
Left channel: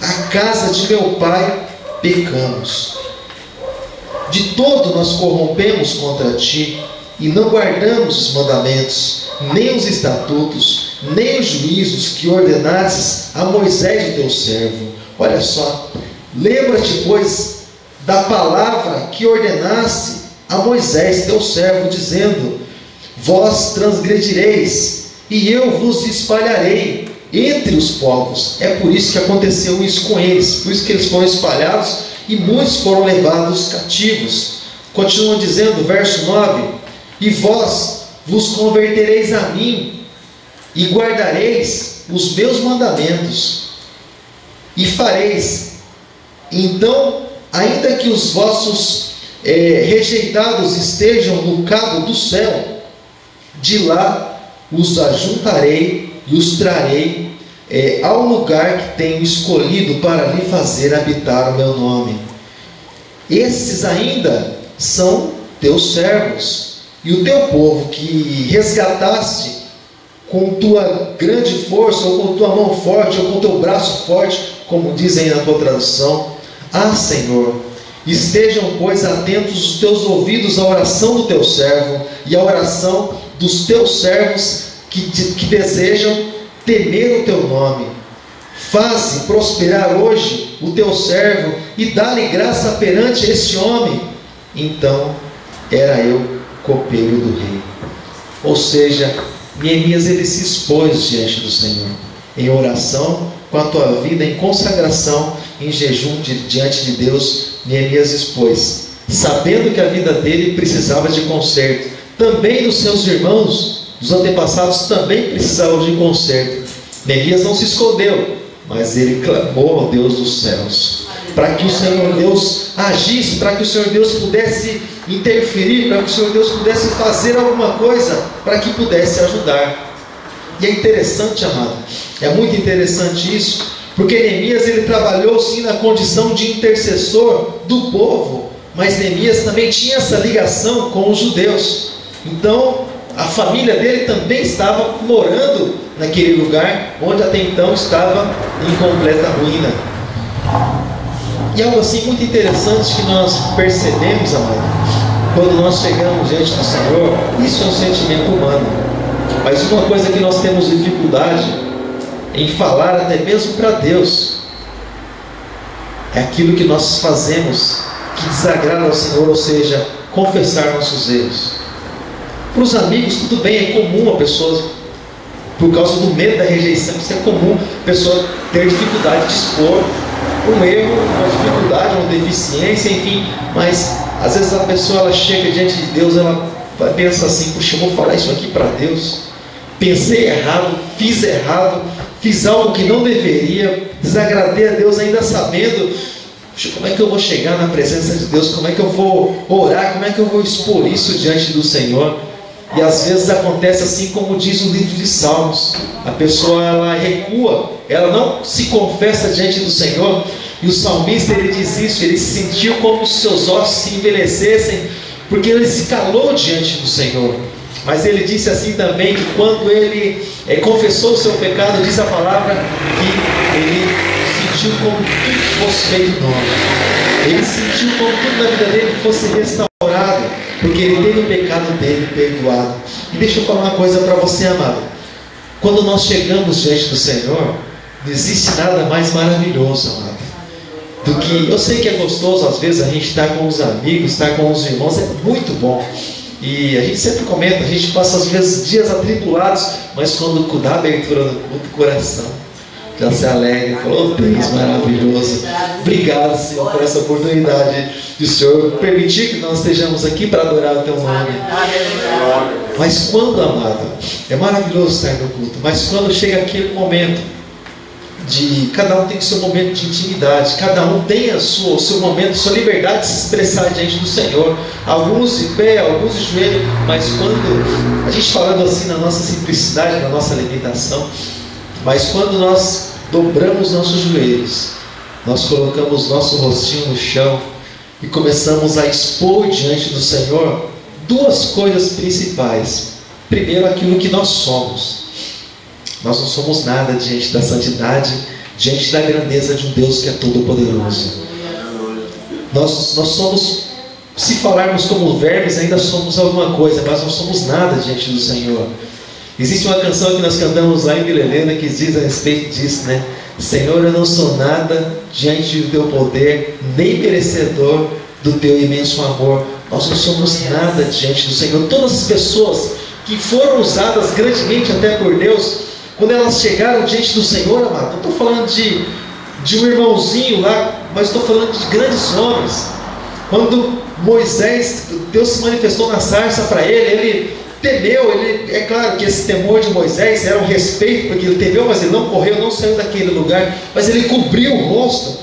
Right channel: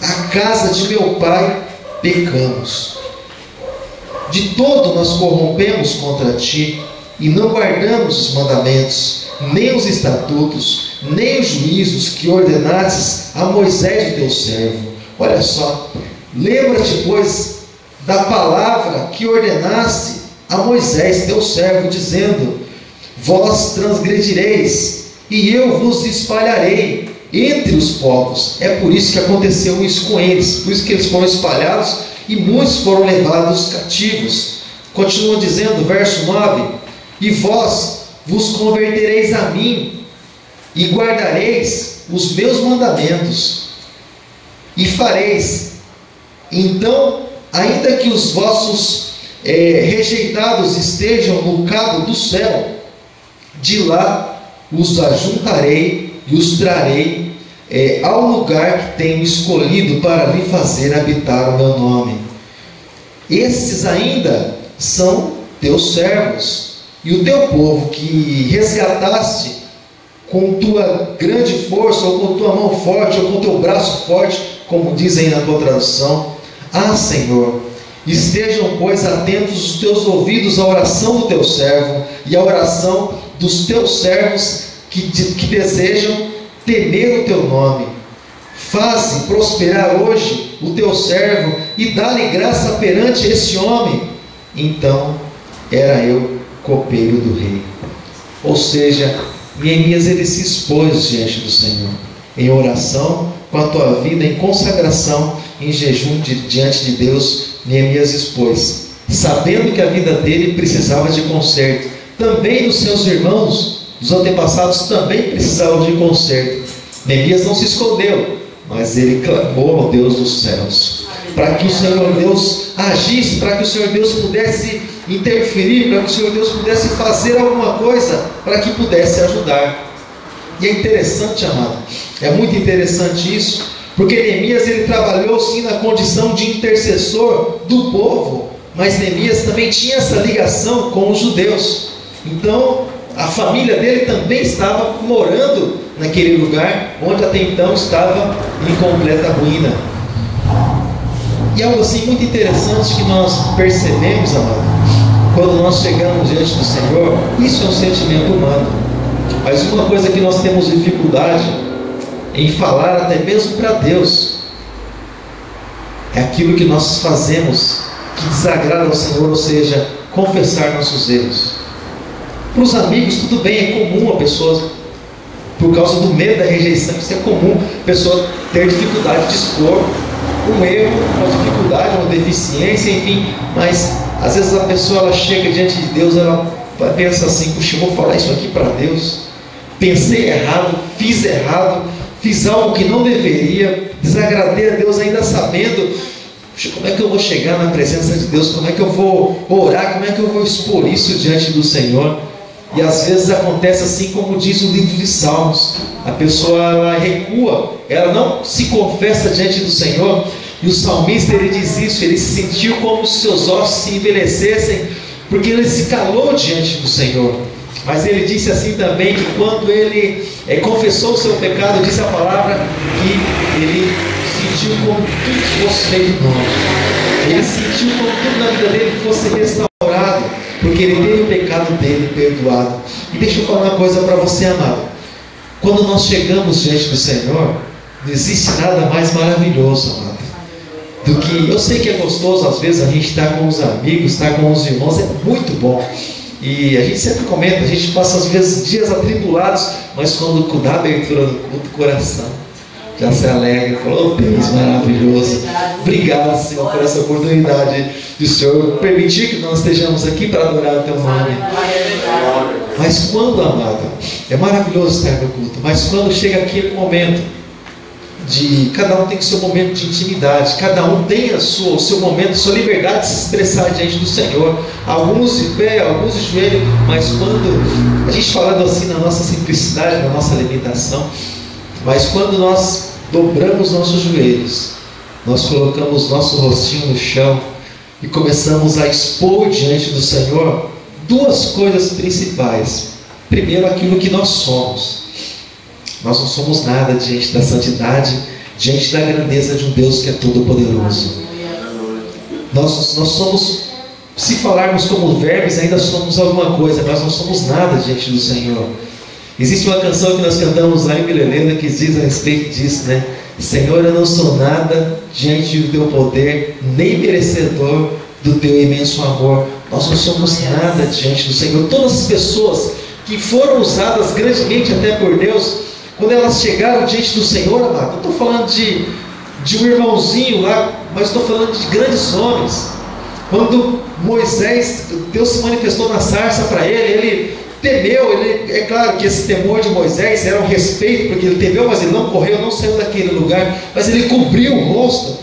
a casa de meu pai pecamos. De todo nós corrompemos contra ti, e não guardamos os mandamentos, nem os estatutos, nem os juízos que ordenastes a Moisés, o teu servo. Olha só: lembra-te, pois, da palavra que ordenaste a Moisés, teu servo, dizendo: vós transgredireis, e eu vos espalharei entre os povos. É por isso que aconteceu isso com eles, por isso que eles foram espalhados e muitos foram levados cativos. Continua dizendo, verso 9: e vós vos convertereis a mim, e guardareis os meus mandamentos, e fareis. Então, ainda que os vossos rejeitados estejam no cabo do céu, de lá os ajuntarei e os trarei ao lugar que tenho escolhido para lhe fazer habitar o meu nome. Esses ainda são teus servos, e o teu povo que resgataste com tua grande força, ou com tua mão forte, ou com teu braço forte, como dizem na tua tradução. Ah, Senhor, estejam, pois, atentos os teus ouvidos à oração do teu servo e à oração dos teus servos que desejam temer o teu nome. Faze prosperar hoje o teu servo e dá-lhe graça perante este homem. Então era eu copeiro do rei. Ou seja, Neemias, ele se expôs diante do Senhor em oração, com a tua vida em consagração, em jejum diante de Deus. Neemias expôs, sabendo que a vida dele precisava de conserto. Também os seus irmãos, os antepassados, também precisavam de conserto. Neemias não se escondeu, mas ele clamou ao Deus dos céus, para que o Senhor Deus agisse, para que o Senhor Deus pudesse interferir, para que o Senhor Deus pudesse fazer alguma coisa, para que pudesse ajudar. E é interessante, amado, é muito interessante isso, porque Neemias, ele trabalhou sim na condição de intercessor do povo, mas Neemias também tinha essa ligação com os judeus. Então a família dele também estava morando naquele lugar onde até então estava em completa ruína. E algo assim muito interessante que nós percebemos, amado, quando nós chegamos diante do Senhor, isso é um sentimento humano, mas uma coisa que nós temos dificuldade em falar até mesmo para Deus é aquilo que nós fazemos que desagrada ao Senhor, ou seja, confessar nossos erros. Para os amigos tudo bem, é comum a pessoa, por causa do medo da rejeição, isso é comum a pessoa ter dificuldade de expor um erro, uma dificuldade, uma deficiência, enfim. Mas às vezes a pessoa, ela chega diante de Deus, ela pensa assim: puxa, eu vou falar isso aqui para Deus, pensei errado, fiz algo que não deveria, desagradei a Deus ainda sabendo. Puxa, como é que eu vou chegar na presença de Deus? Como é que eu vou orar? Como é que eu vou expor isso diante do Senhor? E às vezes acontece assim como diz o livro de Salmos. A pessoa ela recua, ela não se confessa diante do Senhor. E o salmista ele diz isso, ele se sentiu como se seus ossos se envelhecessem, porque ele se calou diante do Senhor. Mas ele disse assim também, que quando ele confessou o seu pecado, diz a palavra que ele sentiu como tudo fosse feito novo. Ele sentiu como tudo na vida dele fosse restaurado, porque ele teve o pecado dele perdoado. E deixa eu falar uma coisa para você, amado. Quando nós chegamos diante do Senhor, não existe nada mais maravilhoso, amado, do que, eu sei que é gostoso às vezes a gente estar com os amigos, estar com os irmãos, é muito bom. E a gente sempre comenta, a gente passa às vezes dias atribulados, mas quando dá a abertura do coração, já se alegra, falou, oh, Deus maravilhoso, obrigado, Senhor, por essa oportunidade de o Senhor permitir que nós estejamos aqui para adorar o Teu nome. Mas quando, amado, é maravilhoso estar no culto, mas quando chega aquele momento de cada um tem o seu momento de intimidade, cada um tem o seu momento, sua liberdade de se expressar diante do Senhor, alguns de pé, alguns de joelho, mas quando a gente falando assim na nossa simplicidade, na nossa limitação, mas quando nós dobramos nossos joelhos, nós colocamos nosso rostinho no chão e começamos a expor diante do Senhor duas coisas principais. Primeiro, aquilo que nós somos. Nós não somos nada diante da santidade, diante da grandeza de um Deus que é todo-poderoso. Nós somos, se falarmos como vermes, ainda somos alguma coisa, mas não somos nada diante do Senhor. Existe uma canção que nós cantamos lá em Milelena que diz a respeito disso, né? Senhor, eu não sou nada diante do Teu poder, nem merecedor do Teu imenso amor. Nós não somos nada diante do Senhor. Todas as pessoas que foram usadas grandemente até por Deus, quando elas chegaram diante do Senhor, amado, não estou falando de um irmãozinho lá, mas estou falando de grandes homens. Quando Moisés, Deus se manifestou na sarça para ele temeu, é claro que esse temor de Moisés era um respeito, porque ele temeu, mas ele não correu, não saiu daquele lugar, mas ele cobriu o rosto,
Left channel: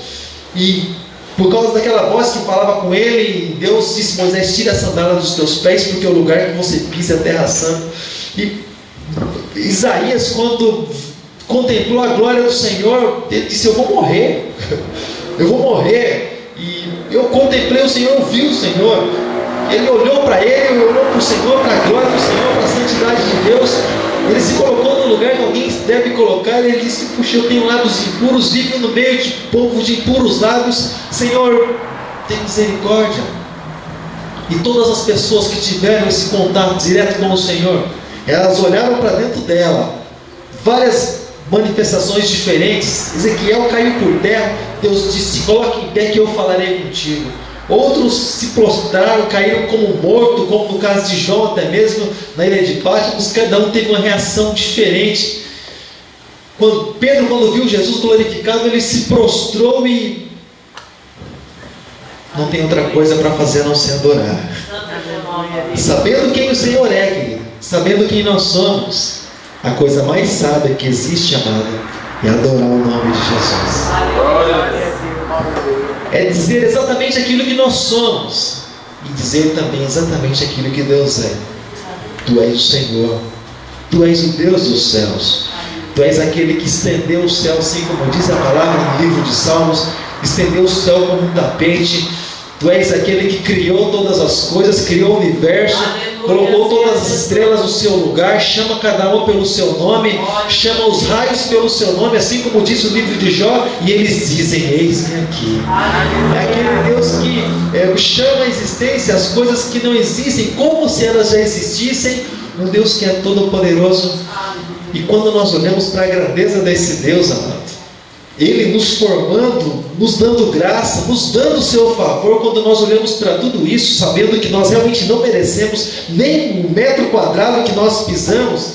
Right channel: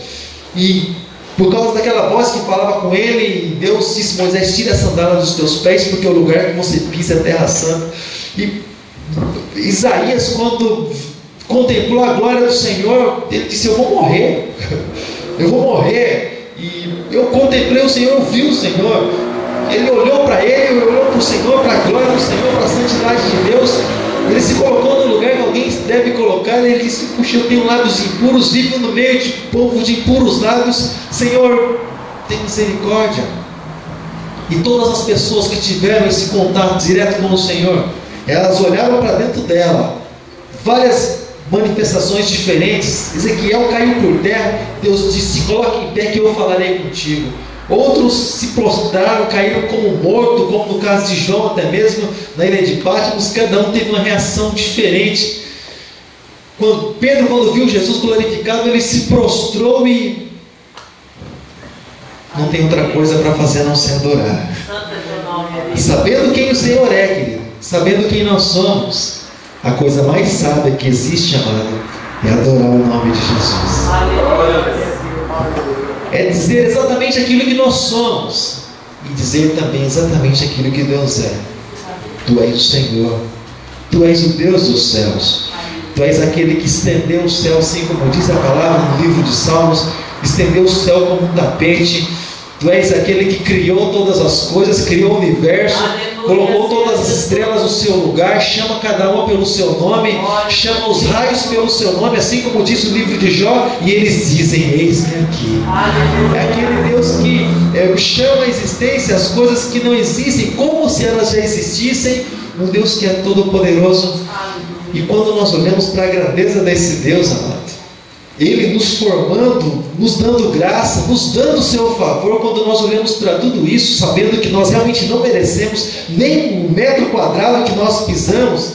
e por causa daquela voz que falava com ele, Deus disse, Moisés, tira a sandália dos teus pés, porque o lugar que você pisa é terra santa. E Isaías, quando contemplou a glória do Senhor, ele disse, eu vou morrer, eu vou morrer. E eu contemplei o Senhor, eu vi o Senhor. Ele olhou para ele, olhou para o Senhor, para a glória do Senhor, para a santidade de Deus. Ele se colocou no lugar que alguém deve colocar. Ele disse, puxa, eu tenho lábios impuros, vivo no meio de povo de impuros lábios. Senhor, tem misericórdia. E todas as pessoas que tiveram esse contato direto com o Senhor, elas olharam para dentro dela, várias manifestações diferentes. Ezequiel caiu por terra, Deus disse, coloque em pé que eu falarei contigo. Outros se prostraram, caíram como morto, como no caso de João, até mesmo na ilha de Patmos. Cada um teve uma reação diferente. Pedro, quando viu Jesus glorificado, ele se prostrou e não tem outra coisa para fazer a não ser adorar. Sabendo quem o Senhor é, querido, sabendo quem nós somos, a coisa mais sábia que existe, amado, é adorar o nome de Jesus. É dizer exatamente aquilo que nós somos e dizer também exatamente aquilo que Deus é. Tu és o Senhor, Tu és o Deus dos céus, Tu és aquele que estendeu o céu, assim como diz a palavra no livro de Salmos, estendeu o céu como um tapete. Tu és aquele que criou todas as coisas, criou o universo, colocou todas as estrelas no seu lugar, chama cada uma pelo seu nome, chama os raios pelo seu nome, assim como diz o livro de Jó, e eles dizem, eis-me aqui. É aquele Deus que chama a existência as coisas que não existem, como se elas já existissem, um Deus que é todo poderoso. E quando nós olhamos para a grandeza desse Deus, amado, Ele nos formando, nos dando graça, nos dando o seu favor, quando nós olhamos para tudo isso, sabendo que nós realmente não merecemos nem um metro quadrado que nós pisamos,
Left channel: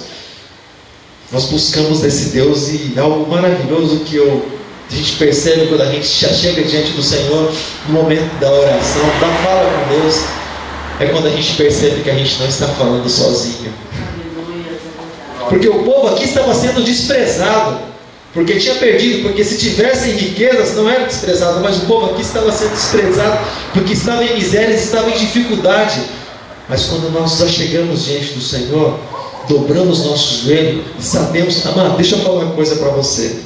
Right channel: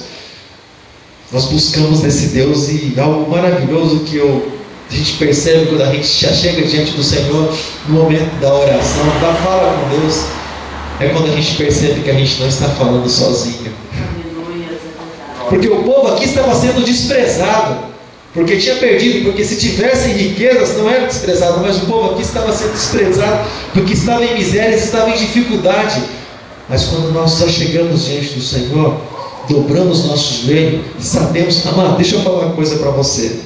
nós buscamos desse Deus. E algo maravilhoso que a gente percebe quando a gente já chega diante do Senhor, no momento da oração, da fala com Deus, é quando a gente percebe que a gente não está falando sozinho. Porque o povo aqui estava sendo desprezado, porque tinha perdido, porque se tivessem riquezas não era desprezado, mas o povo aqui estava sendo desprezado, porque estava em miséria, estava em dificuldade. Mas quando nós já chegamos diante do Senhor, dobramos nossos joelhos e sabemos, amado, deixa eu falar uma coisa para você.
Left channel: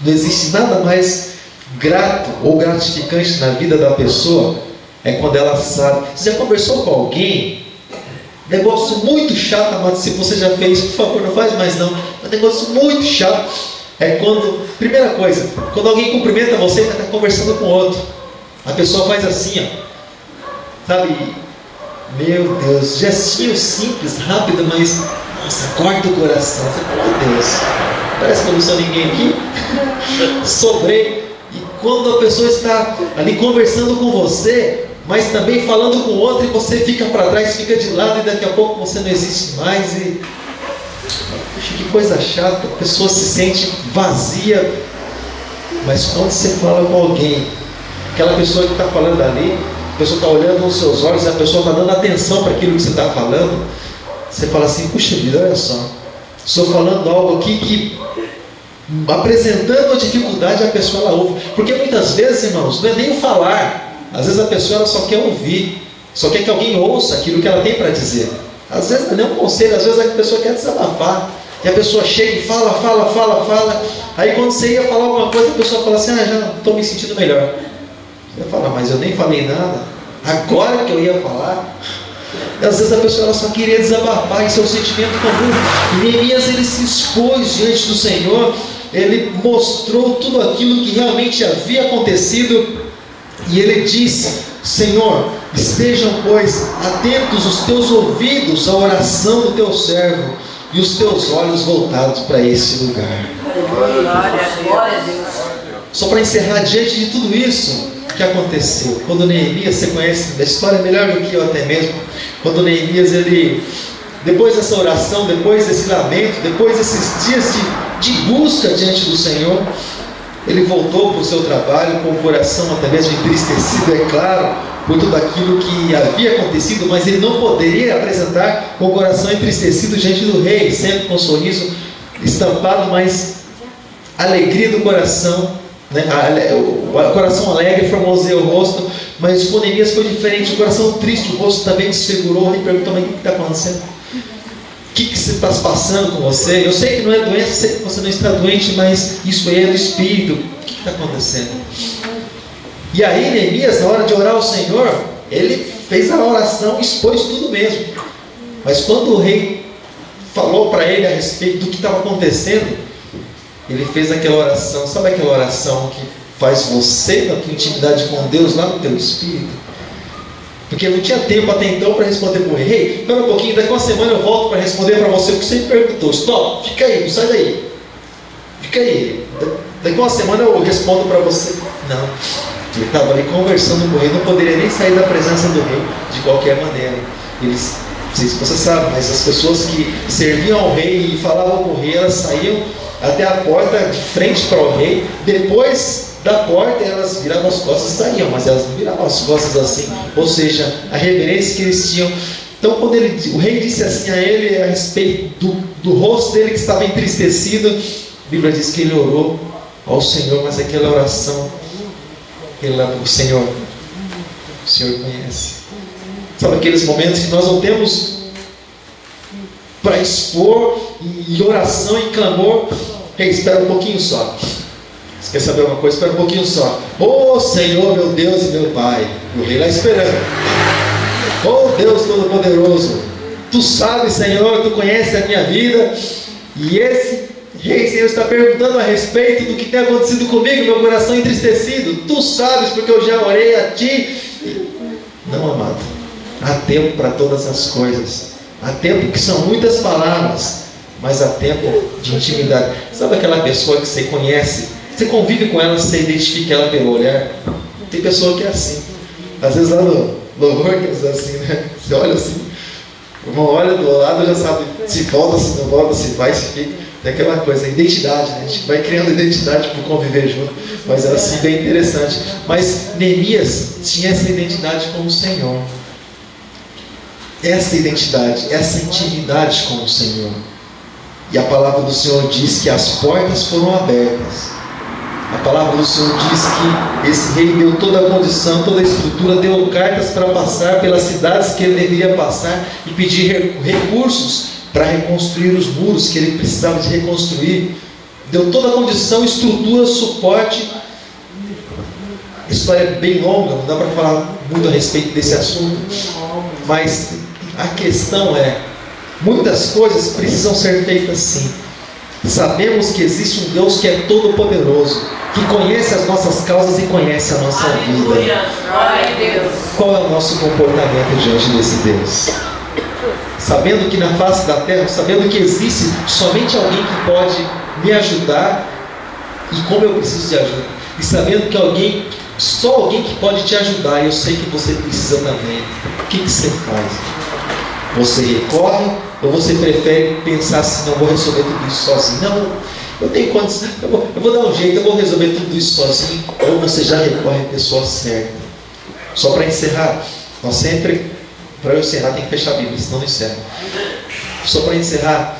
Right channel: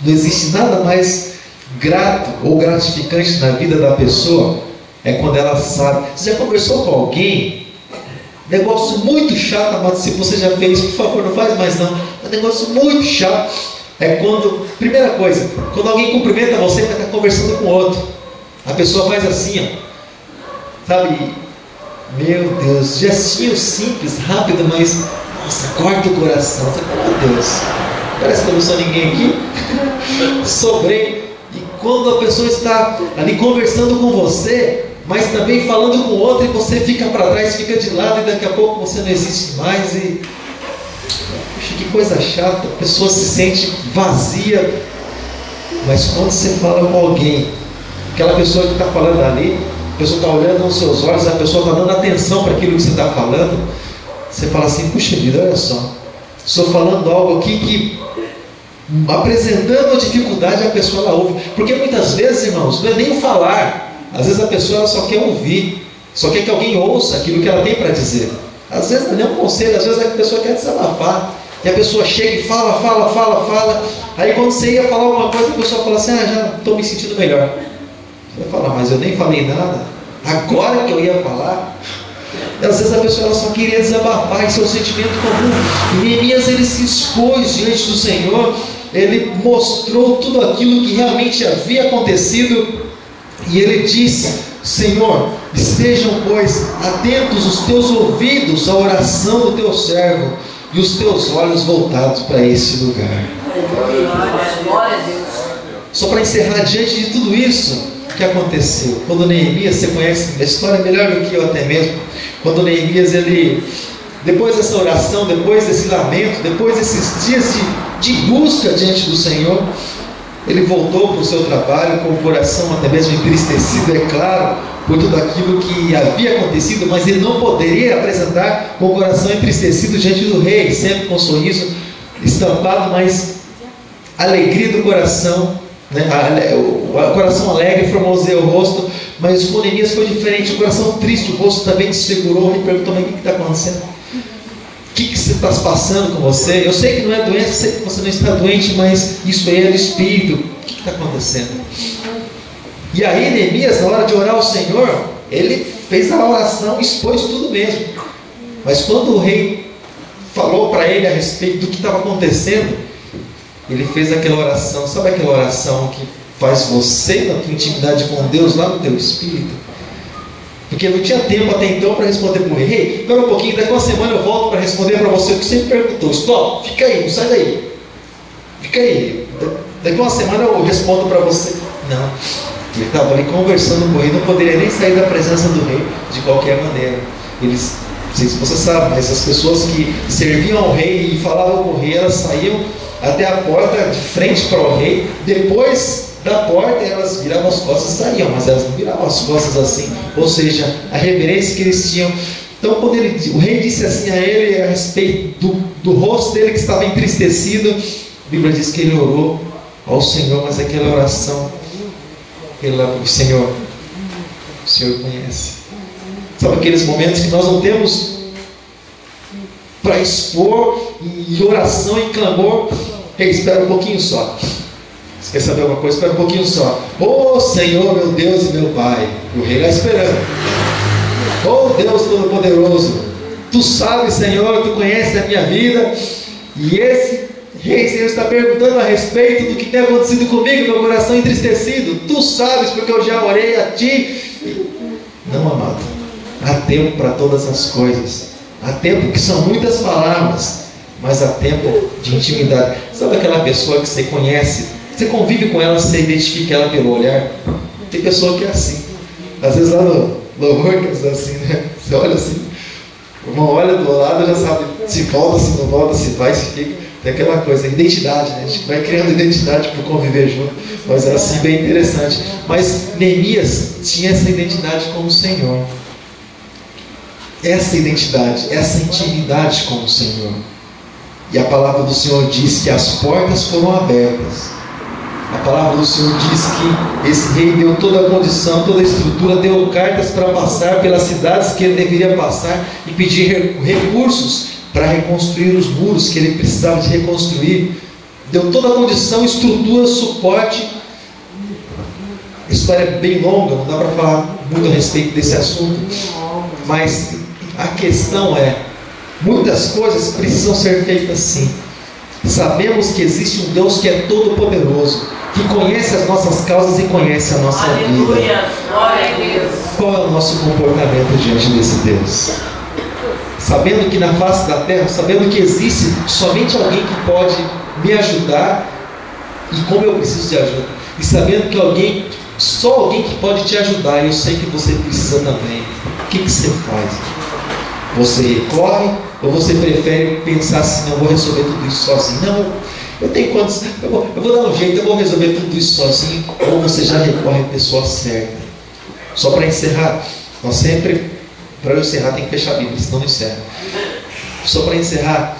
Não existe nada mais grato ou gratificante na vida da pessoa, é quando ela sabe. Você já conversou com alguém? Negócio muito chato, amado, se você já fez, por favor, não faz mais não. É um negócio muito chato. É quando, primeira coisa, quando alguém cumprimenta você, vai estar conversando com outro. A pessoa faz assim, ó. Sabe? Meu Deus, gestinho simples, rápido, mas nossa, corta o coração. Você fala, meu Deus, parece que eu não sou ninguém aqui. Sobrei. E quando a pessoa está ali conversando com você, mas também falando com outro, e você fica para trás, fica de lado, e daqui a pouco você não existe mais. E puxa, que coisa chata, a pessoa se sente vazia. Mas quando você fala com alguém, aquela pessoa que está falando ali, a pessoa está olhando nos seus olhos, a pessoa está dando atenção para aquilo que você está falando, você fala assim, puxa vida, olha só, estou falando algo aqui que, apresentando a dificuldade, a pessoa ela ouve. Porque muitas vezes, irmãos, não é nem o falar, às vezes a pessoa ela só quer ouvir, só quer que alguém ouça aquilo que ela tem para dizer. Às vezes não é um conselho, às vezes a pessoa quer desabafar, e a pessoa chega e fala, aí quando você ia falar alguma coisa, a pessoa fala assim, já estou me sentindo melhor. Você fala, mas eu nem falei nada, agora que eu ia falar. E às vezes a pessoa ela só queria desabafar, isso é um sentimento comum. E Neemias ele se expôs diante do Senhor, ele mostrou tudo aquilo que realmente havia acontecido, e ele disse, Senhor, estejam pois atentos os teus ouvidos à oração do teu servo, e os teus olhos voltados para esse lugar. Glória a Deus. Só para encerrar, diante de tudo isso que aconteceu, quando Neemias, você conhece a história melhor do que eu até mesmo, quando Neemias, ele, depois dessa oração, depois desse lamento, depois desses dias de busca diante do Senhor, ele voltou para o seu trabalho com o coração até mesmo entristecido, é claro, por tudo aquilo que havia acontecido, mas ele não poderia apresentar com o coração entristecido diante do rei, sempre com um sorriso estampado, mas alegria do coração, né? O coração alegre formoseia o rosto, mas com Neemias foi diferente, o coração triste, o rosto também desfigurou. Ele perguntou, mas o que está acontecendo? O que você está passando com você? Eu sei que não é doença, eu sei que você não está doente, mas isso aí é do Espírito. O que está acontecendo? E aí Neemias, na hora de orar ao Senhor, ele fez a oração, expôs tudo mesmo. Mas quando o rei falou para ele a respeito do que estava acontecendo, ele fez aquela oração, sabe aquela oração que faz você, na tua intimidade com Deus, lá no teu espírito? Porque não tinha tempo até então para responder para o rei. Espera um pouquinho, daqui uma semana eu volto para responder para você o que você me perguntou. Stop, fica aí, não sai daí. Fica aí, daqui uma semana eu respondo para você. Não, ele estava ali conversando com o rei, não poderia nem sair da presença do rei de qualquer maneira. Eles, não sei se você sabe, mas as pessoas que serviam ao rei e falavam com o rei, elas saíam até a porta de frente para o rei, depois da porta elas viravam as costas e saíam, mas elas não viravam as costas assim, ou seja, a reverência que eles tinham. Então quando o rei disse assim a ele a respeito do rosto dele que estava entristecido, a Bíblia diz que ele orou ao Senhor, mas aquela oração, o Senhor conhece. Sabe aqueles momentos que nós não temos para expor em oração, em clamor? Ei, espera um pouquinho só. Você quer saber uma coisa? Espera um pouquinho só. Oh Senhor, meu Deus e meu Pai. O rei lá esperando. Oh Deus Todo-Poderoso, Tu sabes, Senhor, Tu conheces a minha vida. E esse rei, Senhor, está perguntando a respeito do que tem acontecido comigo, meu coração entristecido. Tu sabes, porque eu já orei a Ti. Não, amado, há tempo para todas as coisas. Há tempo, que são muitas palavras, mas há tempo de intimidade. Sabe aquela pessoa que você conhece, você convive com ela, você identifica ela pelo olhar? Tem pessoa que é assim. Às vezes lá no louvor que é assim, né? Você olha assim, o irmão olha do lado, já sabe se volta, se não volta, se vai, se fica. Tem aquela coisa, identidade, né? A gente vai criando identidade por conviver junto. Mas era assim bem interessante. Mas Neemias tinha essa identidade com o Senhor. Essa identidade, essa intimidade com o Senhor. E a palavra do Senhor diz que as portas foram abertas A palavra do Senhor diz que esse rei deu toda a condição, toda a estrutura, deu cartas para passar pelas cidades que ele deveria passar e pedir recursos para reconstruir os muros que ele precisava de reconstruir. Deu toda a condição, estrutura, suporte. A história é bem longa, não dá para falar muito a respeito desse assunto, mas a questão é, muitas coisas precisam ser feitas sim. Sabemos que existe um Deus que é todo poderoso, que conhece as nossas causas e conhece a nossa vida. Glória a Deus. Qual é o nosso comportamento diante desse Deus? Sabendo que na face da terra, sabendo que existe somente alguém que pode me ajudar e como eu preciso de ajuda, e sabendo que só alguém que pode te ajudar, eu sei que você precisa também. O que você faz? Você recorre ou você prefere pensar assim, não vou resolver tudo isso sozinho? Não, eu tenho quantos, eu vou dar um jeito, eu vou resolver tudo isso sozinho. Ou você já recorre à pessoa certa. Só para encerrar, nós sempre, para eu encerrar tem que fechar a Bíblia, senão não encerra. Só para encerrar,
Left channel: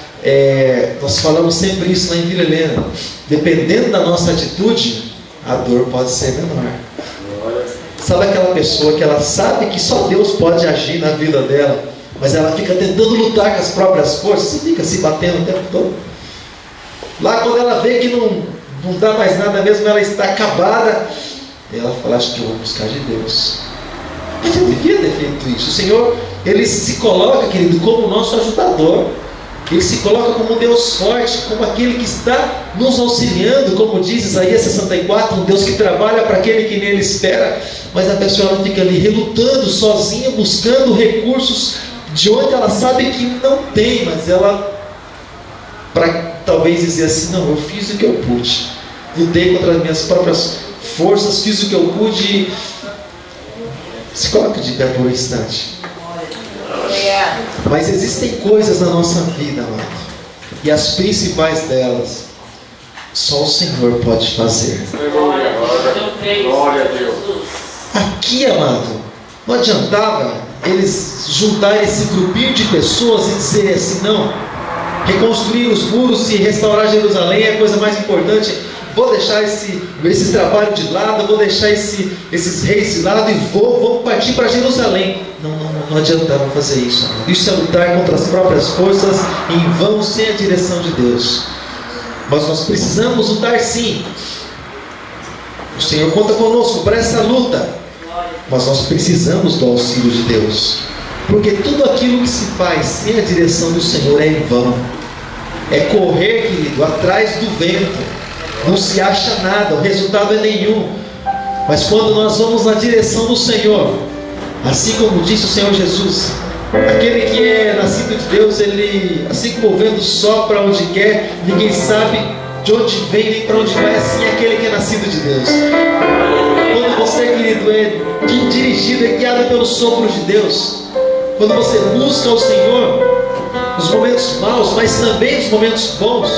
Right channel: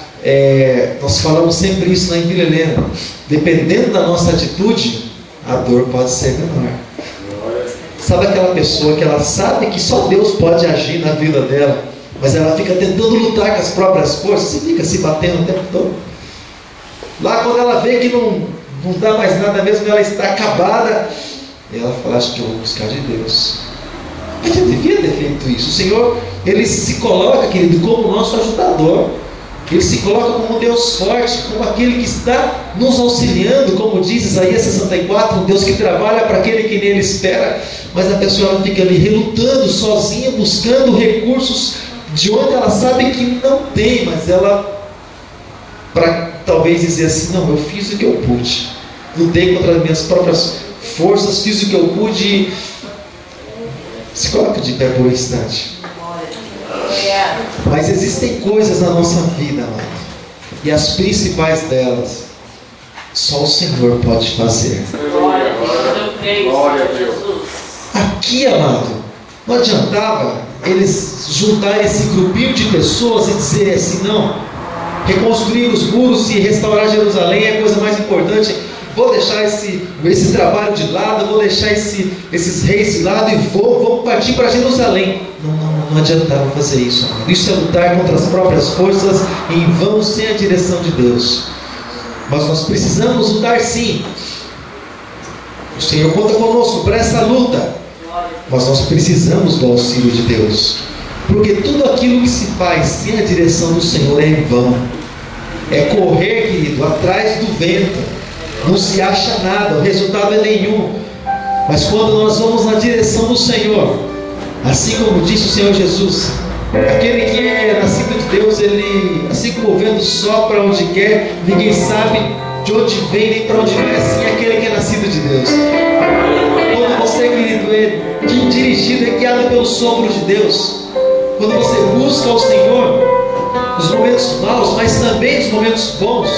nós falamos sempre isso na Vila Helena. Dependendo da nossa atitude, a dor pode ser menor. Sabe aquela pessoa que ela sabe que só Deus pode agir na vida dela, mas ela fica tentando lutar com as próprias forças e fica se batendo o tempo todo? Lá quando ela vê que não dá mais nada mesmo, ela está acabada, ela fala, acho que eu vou buscar de Deus. Mas eu devia ter feito isso. O Senhor, Ele se coloca, querido, como nosso ajudador. Ele se coloca como um Deus forte, como aquele que está nos auxiliando, como diz Isaías 64, um Deus que trabalha para aquele que nele espera. Mas a pessoa ela fica ali relutando, sozinha, buscando recursos de onde ela sabe que não tem, mas ela, para talvez dizer assim, não, eu fiz o que eu pude, lutei contra as minhas próprias forças, fiz o que eu pude. Se coloca de pé por um instante. Mas existem coisas na nossa vida, amado, e as principais delas só o Senhor pode fazer. Glória a Deus. Aqui, amado, não adiantava eles juntarem esse grupinho de pessoas e dizer assim, não, reconstruir os muros e restaurar Jerusalém é a coisa mais importante. Vou deixar esse trabalho de lado, vou deixar esses reis de lado e vou partir para Jerusalém. Não adiantava fazer isso, amado. Isso é lutar contra as próprias forças em vão, sem a direção de Deus. Mas nós precisamos lutar sim. O Senhor conta conosco para essa luta, mas nós precisamos do auxílio de Deus, porque tudo aquilo que se faz sem a direção do Senhor é em vão. É correr, querido, atrás do vento. Não se acha nada, o resultado é nenhum. Mas quando nós vamos na direção do Senhor, assim como disse o Senhor Jesus, aquele que é nascido de Deus, ele, assim como o vento sopra onde quer, ninguém sabe de onde vem nem para onde vai, assim é aquele que é nascido de Deus. Quando você, querido, é dirigido, é guiado pelo sopro de Deus, quando você busca o Senhor nos momentos maus, mas também nos momentos bons,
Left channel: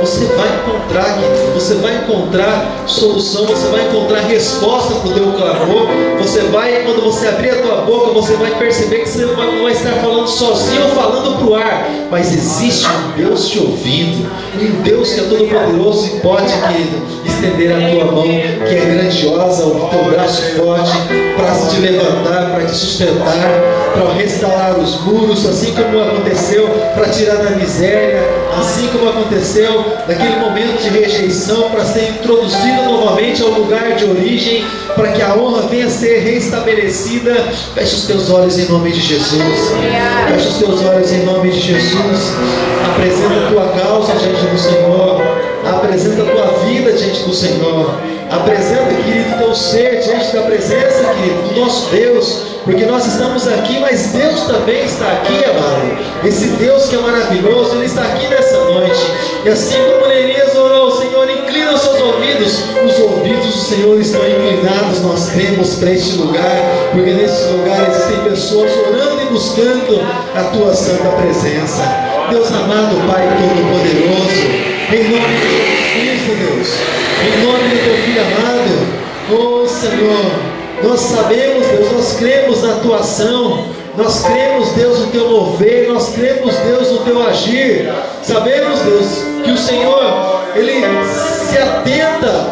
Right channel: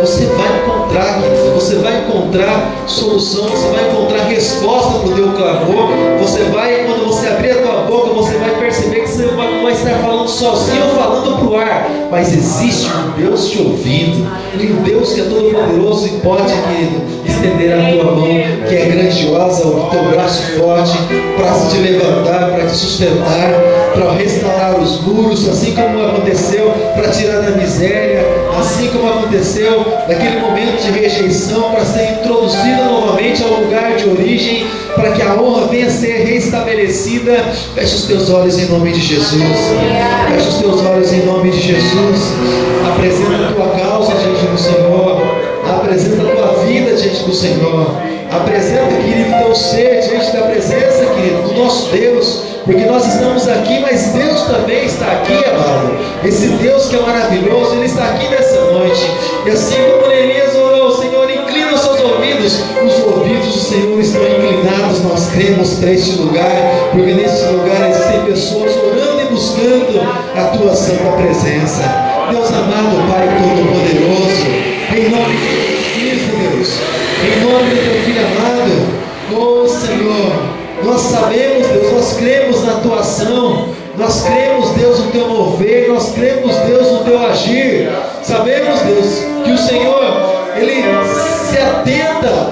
você vai encontrar, querido, você vai encontrar solução, você vai encontrar resposta para o teu clamor. Você vai, quando você abrir a tua boca, você vai perceber que você não vai estar falando sozinho ou falando para o ar, mas existe um Deus te ouvindo, um Deus que é todo poderoso e pode, querido, estender a tua mão, que é grandiosa, o teu braço forte, para te levantar, para te sustentar, para restaurar os muros, assim como aconteceu para tirar da miséria, assim como aconteceu naquele momento de rejeição, para ser introduzido novamente ao lugar de origem, para que a honra venha a ser restabelecida. Feche os teus olhos em nome de Jesus. Feche os teus olhos em nome de Jesus. Apresenta a tua causa diante do Senhor. Apresenta a tua vida diante do Senhor. Apresenta, querido, teu ser diante da presença, querido, do nosso Deus. Porque nós estamos aqui, mas Deus também está aqui, amado. Esse Deus que é maravilhoso, Ele está aqui nessa noite. E assim como Neemias orou, Senhor, inclina os seus ouvidos. Os ouvidos do Senhor estão inclinados. Nós cremos para este lugar, porque neste lugar existem pessoas orando e buscando a Tua santa presença. Deus amado, Pai Todo-Poderoso, em nome de Jesus Cristo, Deus, em nome do Teu Filho amado, oh Senhor, nós sabemos, Deus, nós cremos na Tua ação, nós cremos, Deus, no Teu mover, nós cremos, Deus, no Teu agir. Sabemos, Deus, que o Senhor, Ele se atenta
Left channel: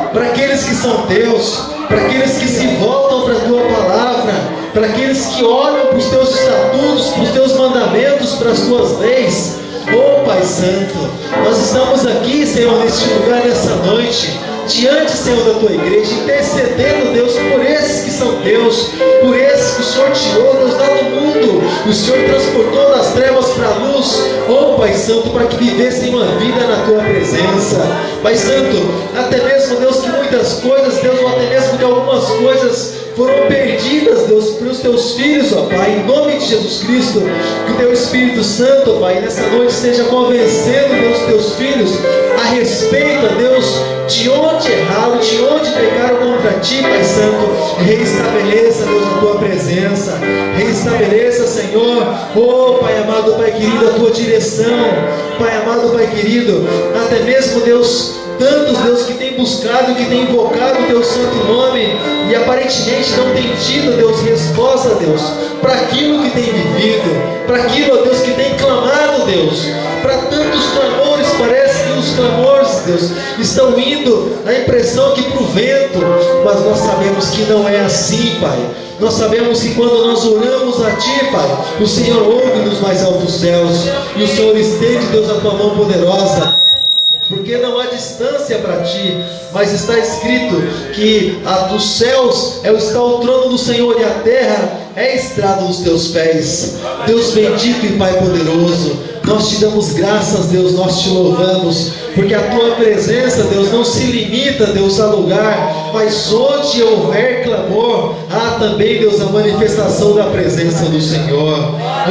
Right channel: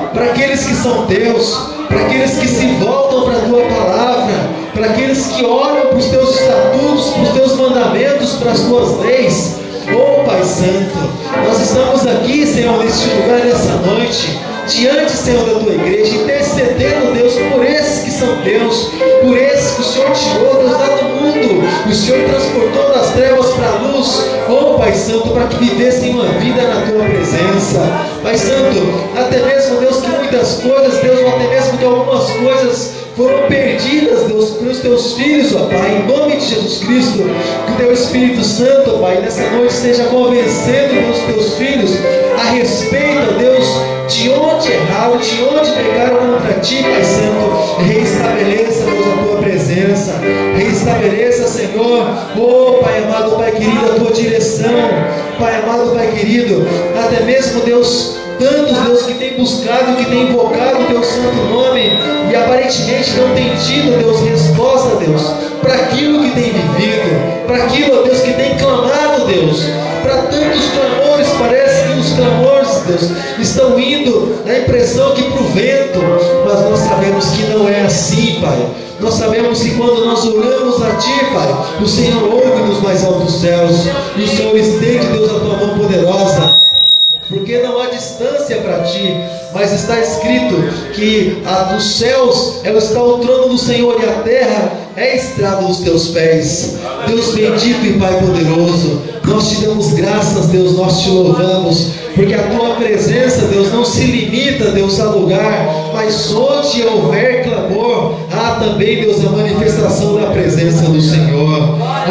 são teus, para aqueles que se voltam para a tua palavra, para aqueles que olham para os teus estatutos, para os teus mandamentos, para as tuas leis. Oh Pai Santo, nós estamos aqui, Senhor, neste lugar, nessa noite, diante, Senhor, da tua igreja, intercedendo, Deus, por esses que são teus, por esses que o Senhor tirou, Deus, lá do mundo, o Senhor transportou das trevas para a luz. Oh Pai Santo, para que vivessem uma vida na tua presença. Pai Santo, até mesmo, Deus, que muitas coisas, Deus, ou até mesmo que algumas coisas foram perdidas, Deus, pelos teus filhos, ó Pai, em nome de Jesus Cristo, que o teu Espírito Santo, ó Pai, nessa noite esteja convencendo, Deus, teus filhos a respeito, ó Deus, de onde erraram, de onde pecaram contra ti, Pai Santo. Reestabeleça, Deus, a tua presença, reestabeleça, Senhor, oh Pai amado, Pai querido, a tua direção, Pai amado, Pai querido, até mesmo, Deus, tantos, Deus, que tem buscado, que tem invocado o teu santo nome e aparentemente não tem tido, Deus, resposta, Deus, para aquilo que tem vivido, para aquilo, ó Deus, que tem clamado, Deus, para tantos clamores. Parece que os clamores, Deus, estão indo na impressão que para o vento, mas nós sabemos que não é assim, Pai. Nós sabemos que quando nós oramos a Ti, Pai, o Senhor ouve dos mais altos céus, e o Senhor estende, Deus, a tua mão poderosa, porque não há distância para Ti, mas está escrito que dos céus está o trono do Senhor e a terra é a estrada dos teus pés. Deus bendito e Pai poderoso, nós te damos graças, Deus, nós te louvamos, porque a tua presença, Deus, não se limita, Deus, a lugar, mas onde houver clamor, há também, Deus, a manifestação da presença do Senhor.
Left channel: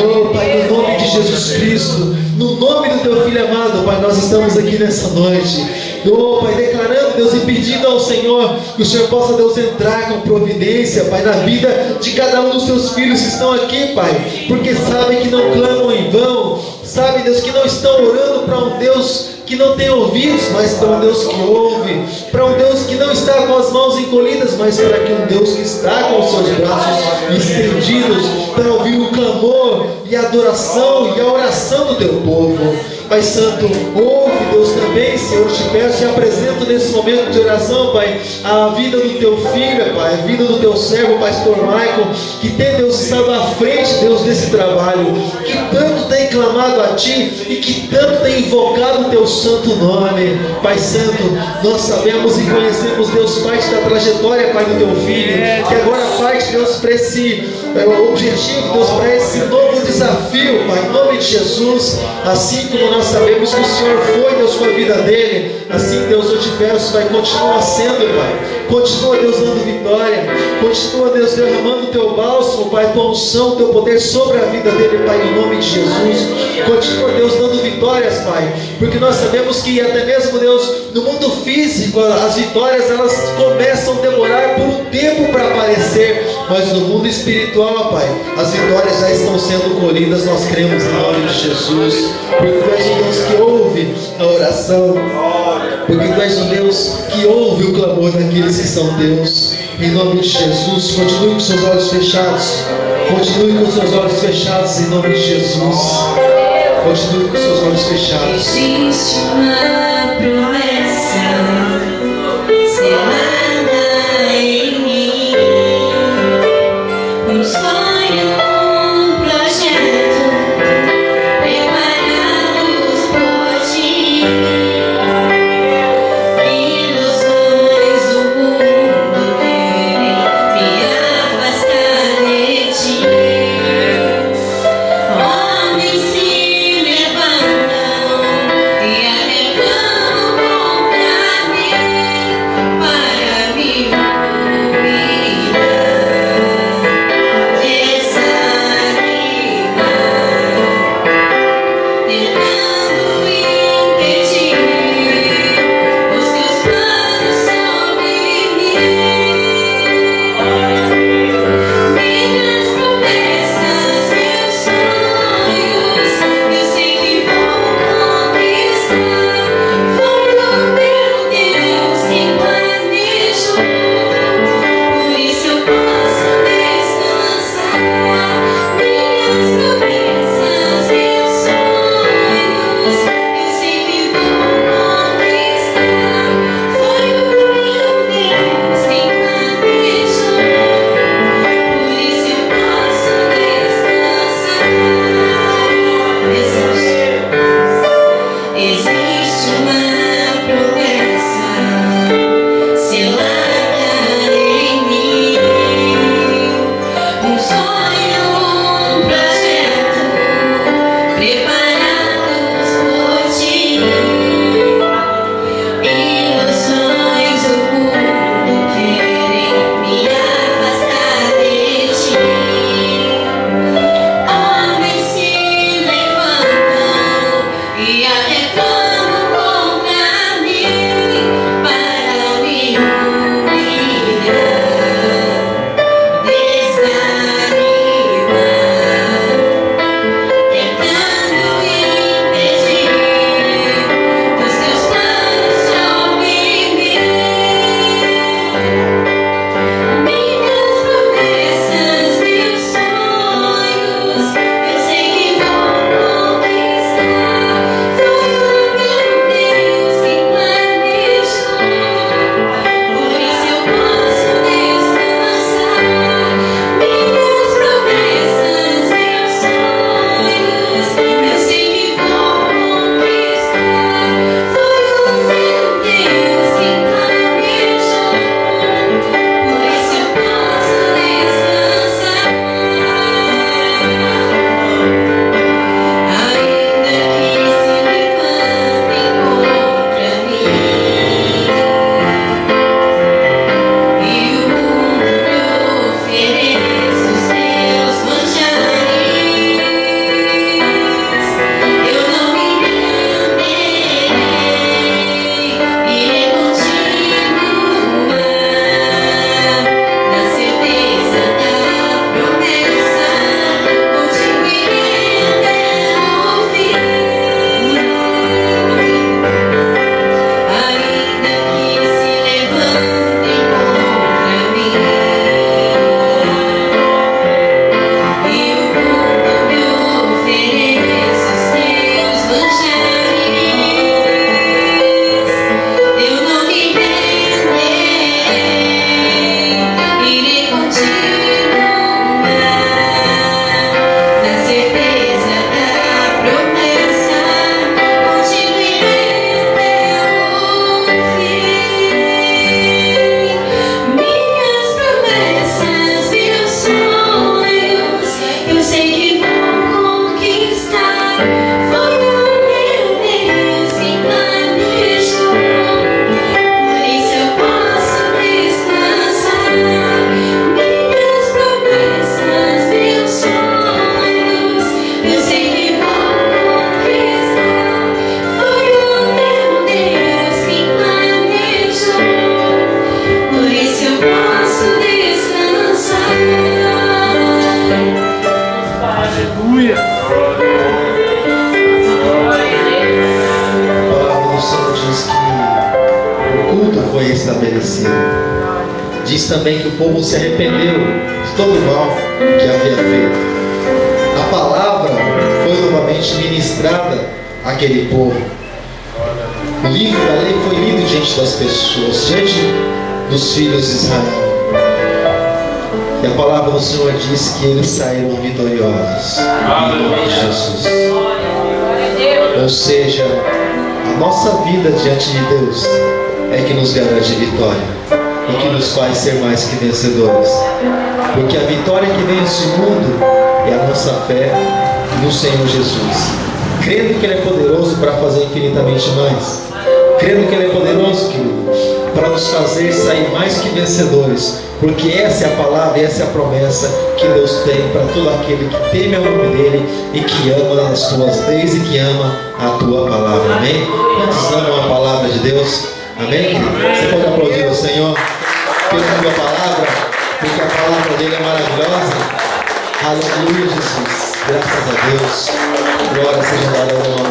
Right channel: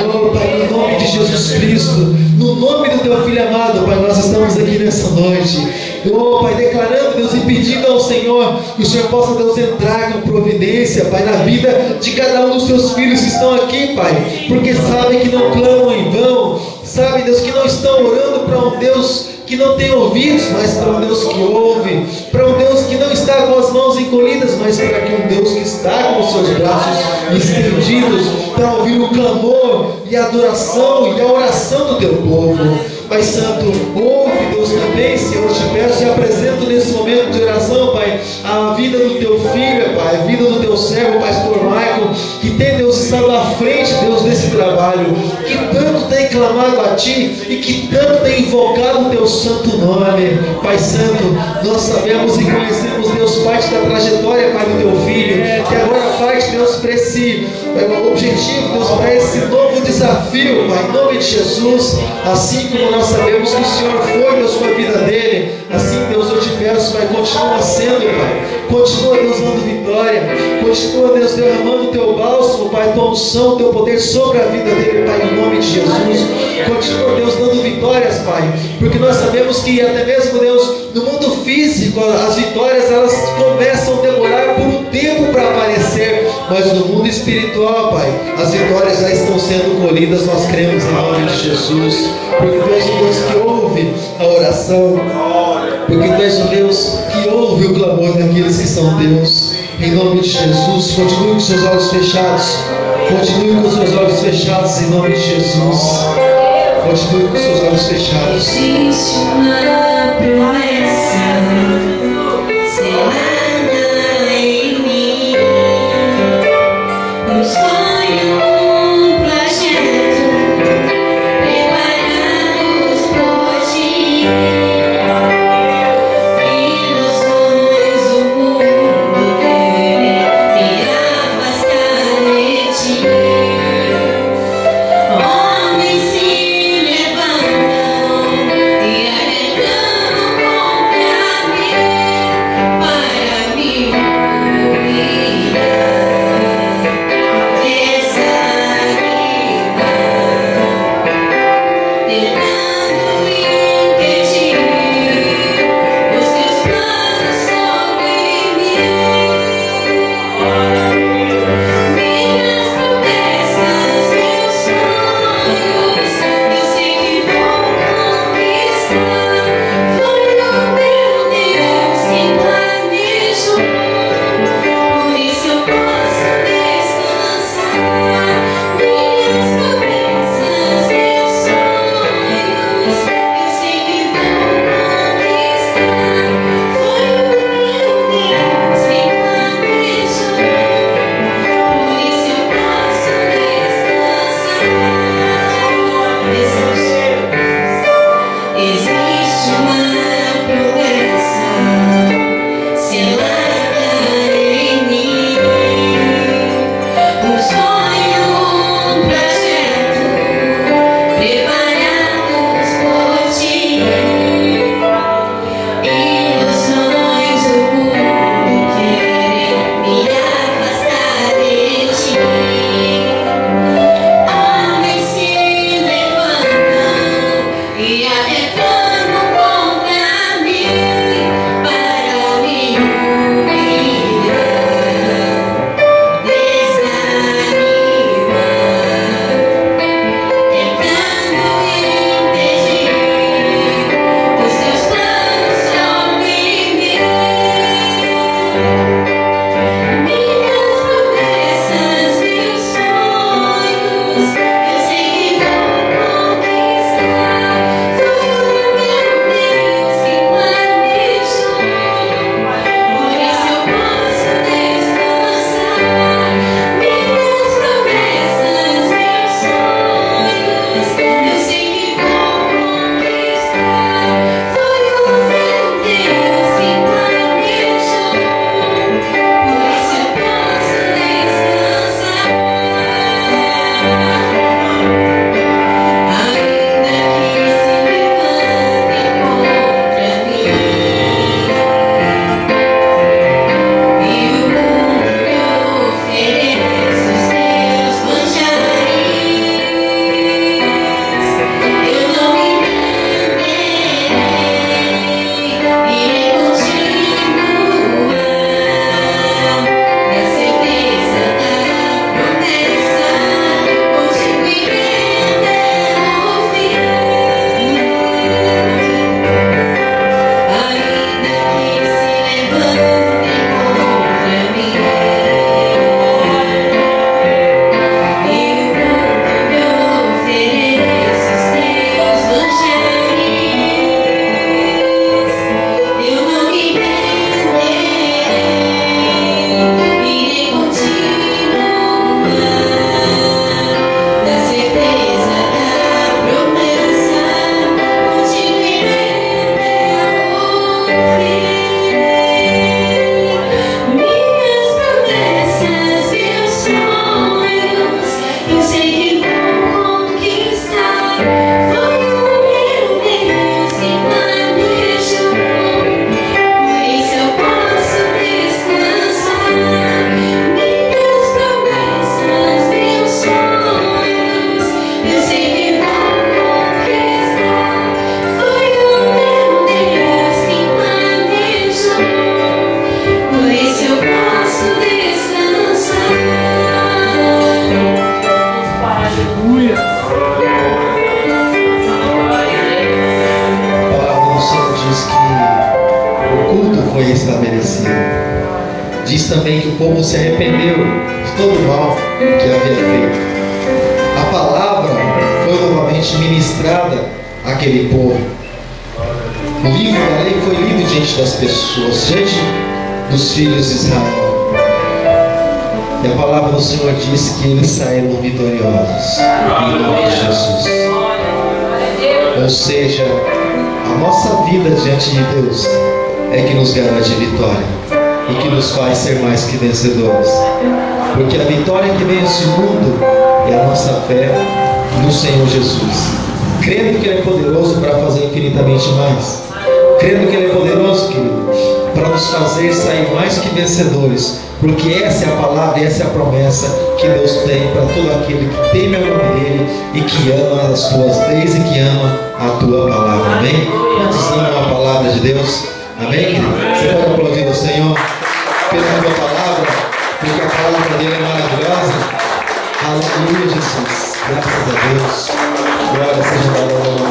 Oh Pai, no nome de Jesus Cristo, no nome do teu Filho amado, Pai, nós estamos aqui nessa noite, oh Pai, declarando, Deus, e pedindo ao Senhor que o Senhor possa, Deus, entrar com providência, Pai, na vida de cada um dos teus filhos que estão aqui, Pai, porque sabem que não clamam em vão, sabem, Deus, que não estão orando para um Deus que não tem ouvidos, mas para um Deus que ouve, para um Deus que não está com as mãos encolhidas, mas para que um Deus que está com os seus braços estendidos, para ouvir o clamor e a adoração e a oração do teu povo. Pai Santo, ouve, Deus, também, Senhor, te peço e apresento nesse momento de oração, Pai, a vida do teu filho, Pai, a vida do teu servo, o pastor Michael, que tem, Deus, estado à frente, Deus, desse trabalho, que tanto tem clamado a Ti e que tanto tem invocado o teu santo nome. Pai Santo, nós sabemos e conhecemos, Deus, parte da trajetória, Pai, do teu filho, que agora parte, Deus, para esse objetivo, Deus, para esse novo desafio, Pai, em nome de Jesus. Assim como nós sabemos que o Senhor foi, Deus, com a vida dele, assim, Deus, eu te peço, Pai, continua sendo, Pai, continua, Deus, dando vitória, continua, Deus, derramando o teu bálsamo, Pai, tua unção, teu poder sobre a vida dele, Pai, no nome de Jesus. Continua, Deus, dando vitórias, Pai, porque nós sabemos que até mesmo, Deus, no mundo físico, as vitórias, elas começam a demorar por um tempo para aparecer, mas no mundo espiritual, Pai, as vitórias já estão sendo colhidas, nós cremos em nome de Jesus, porque tu és o Deus que ouve a oração, porque tu és o Deus que ouve o clamor daqueles que são Deus. Em nome de Jesus, continue com seus olhos fechados, continue com seus olhos fechados, em nome de Jesus, continue com seus olhos fechados. Existe uma promessa selada em mim, um sonho, um projeto preparados por Ti, ilusões do mundo querem me afastar de Ti. Homens se levantam e arrecamam contra mim para me humilhar. também que o povo se arrependeu de todo o mal que havia feito. A palavra foi novamente ministrada àquele povo. O livro da lei foi lido diante das pessoas, diante dos filhos de Israel. E a palavra do Senhor diz que eles saíram vitoriosos em nome de Jesus. Ou seja, a nossa vida diante de Deus é que nos garante vitória e que nos faz ser mais que vencedores. Porque a vitória que vence o mundo é a nossa fé no Senhor Jesus, crendo que Ele é poderoso para fazer infinitamente mais, crendo que Ele é poderoso, querido, para nos fazer sair mais que vencedores, porque essa é a palavra e essa é a promessa que Deus tem para todo aquele que teme o nome dEle e que ama as tuas leis e que ama a tua palavra. Amém? Quantos amam a palavra de Deus? Amém? Você pode aplaudir o Senhor pela tua palavra, porque a palavra dEle é maravilhosa. Aleluia, Jesus. Graças a Deus. Glória seja dada ao nome.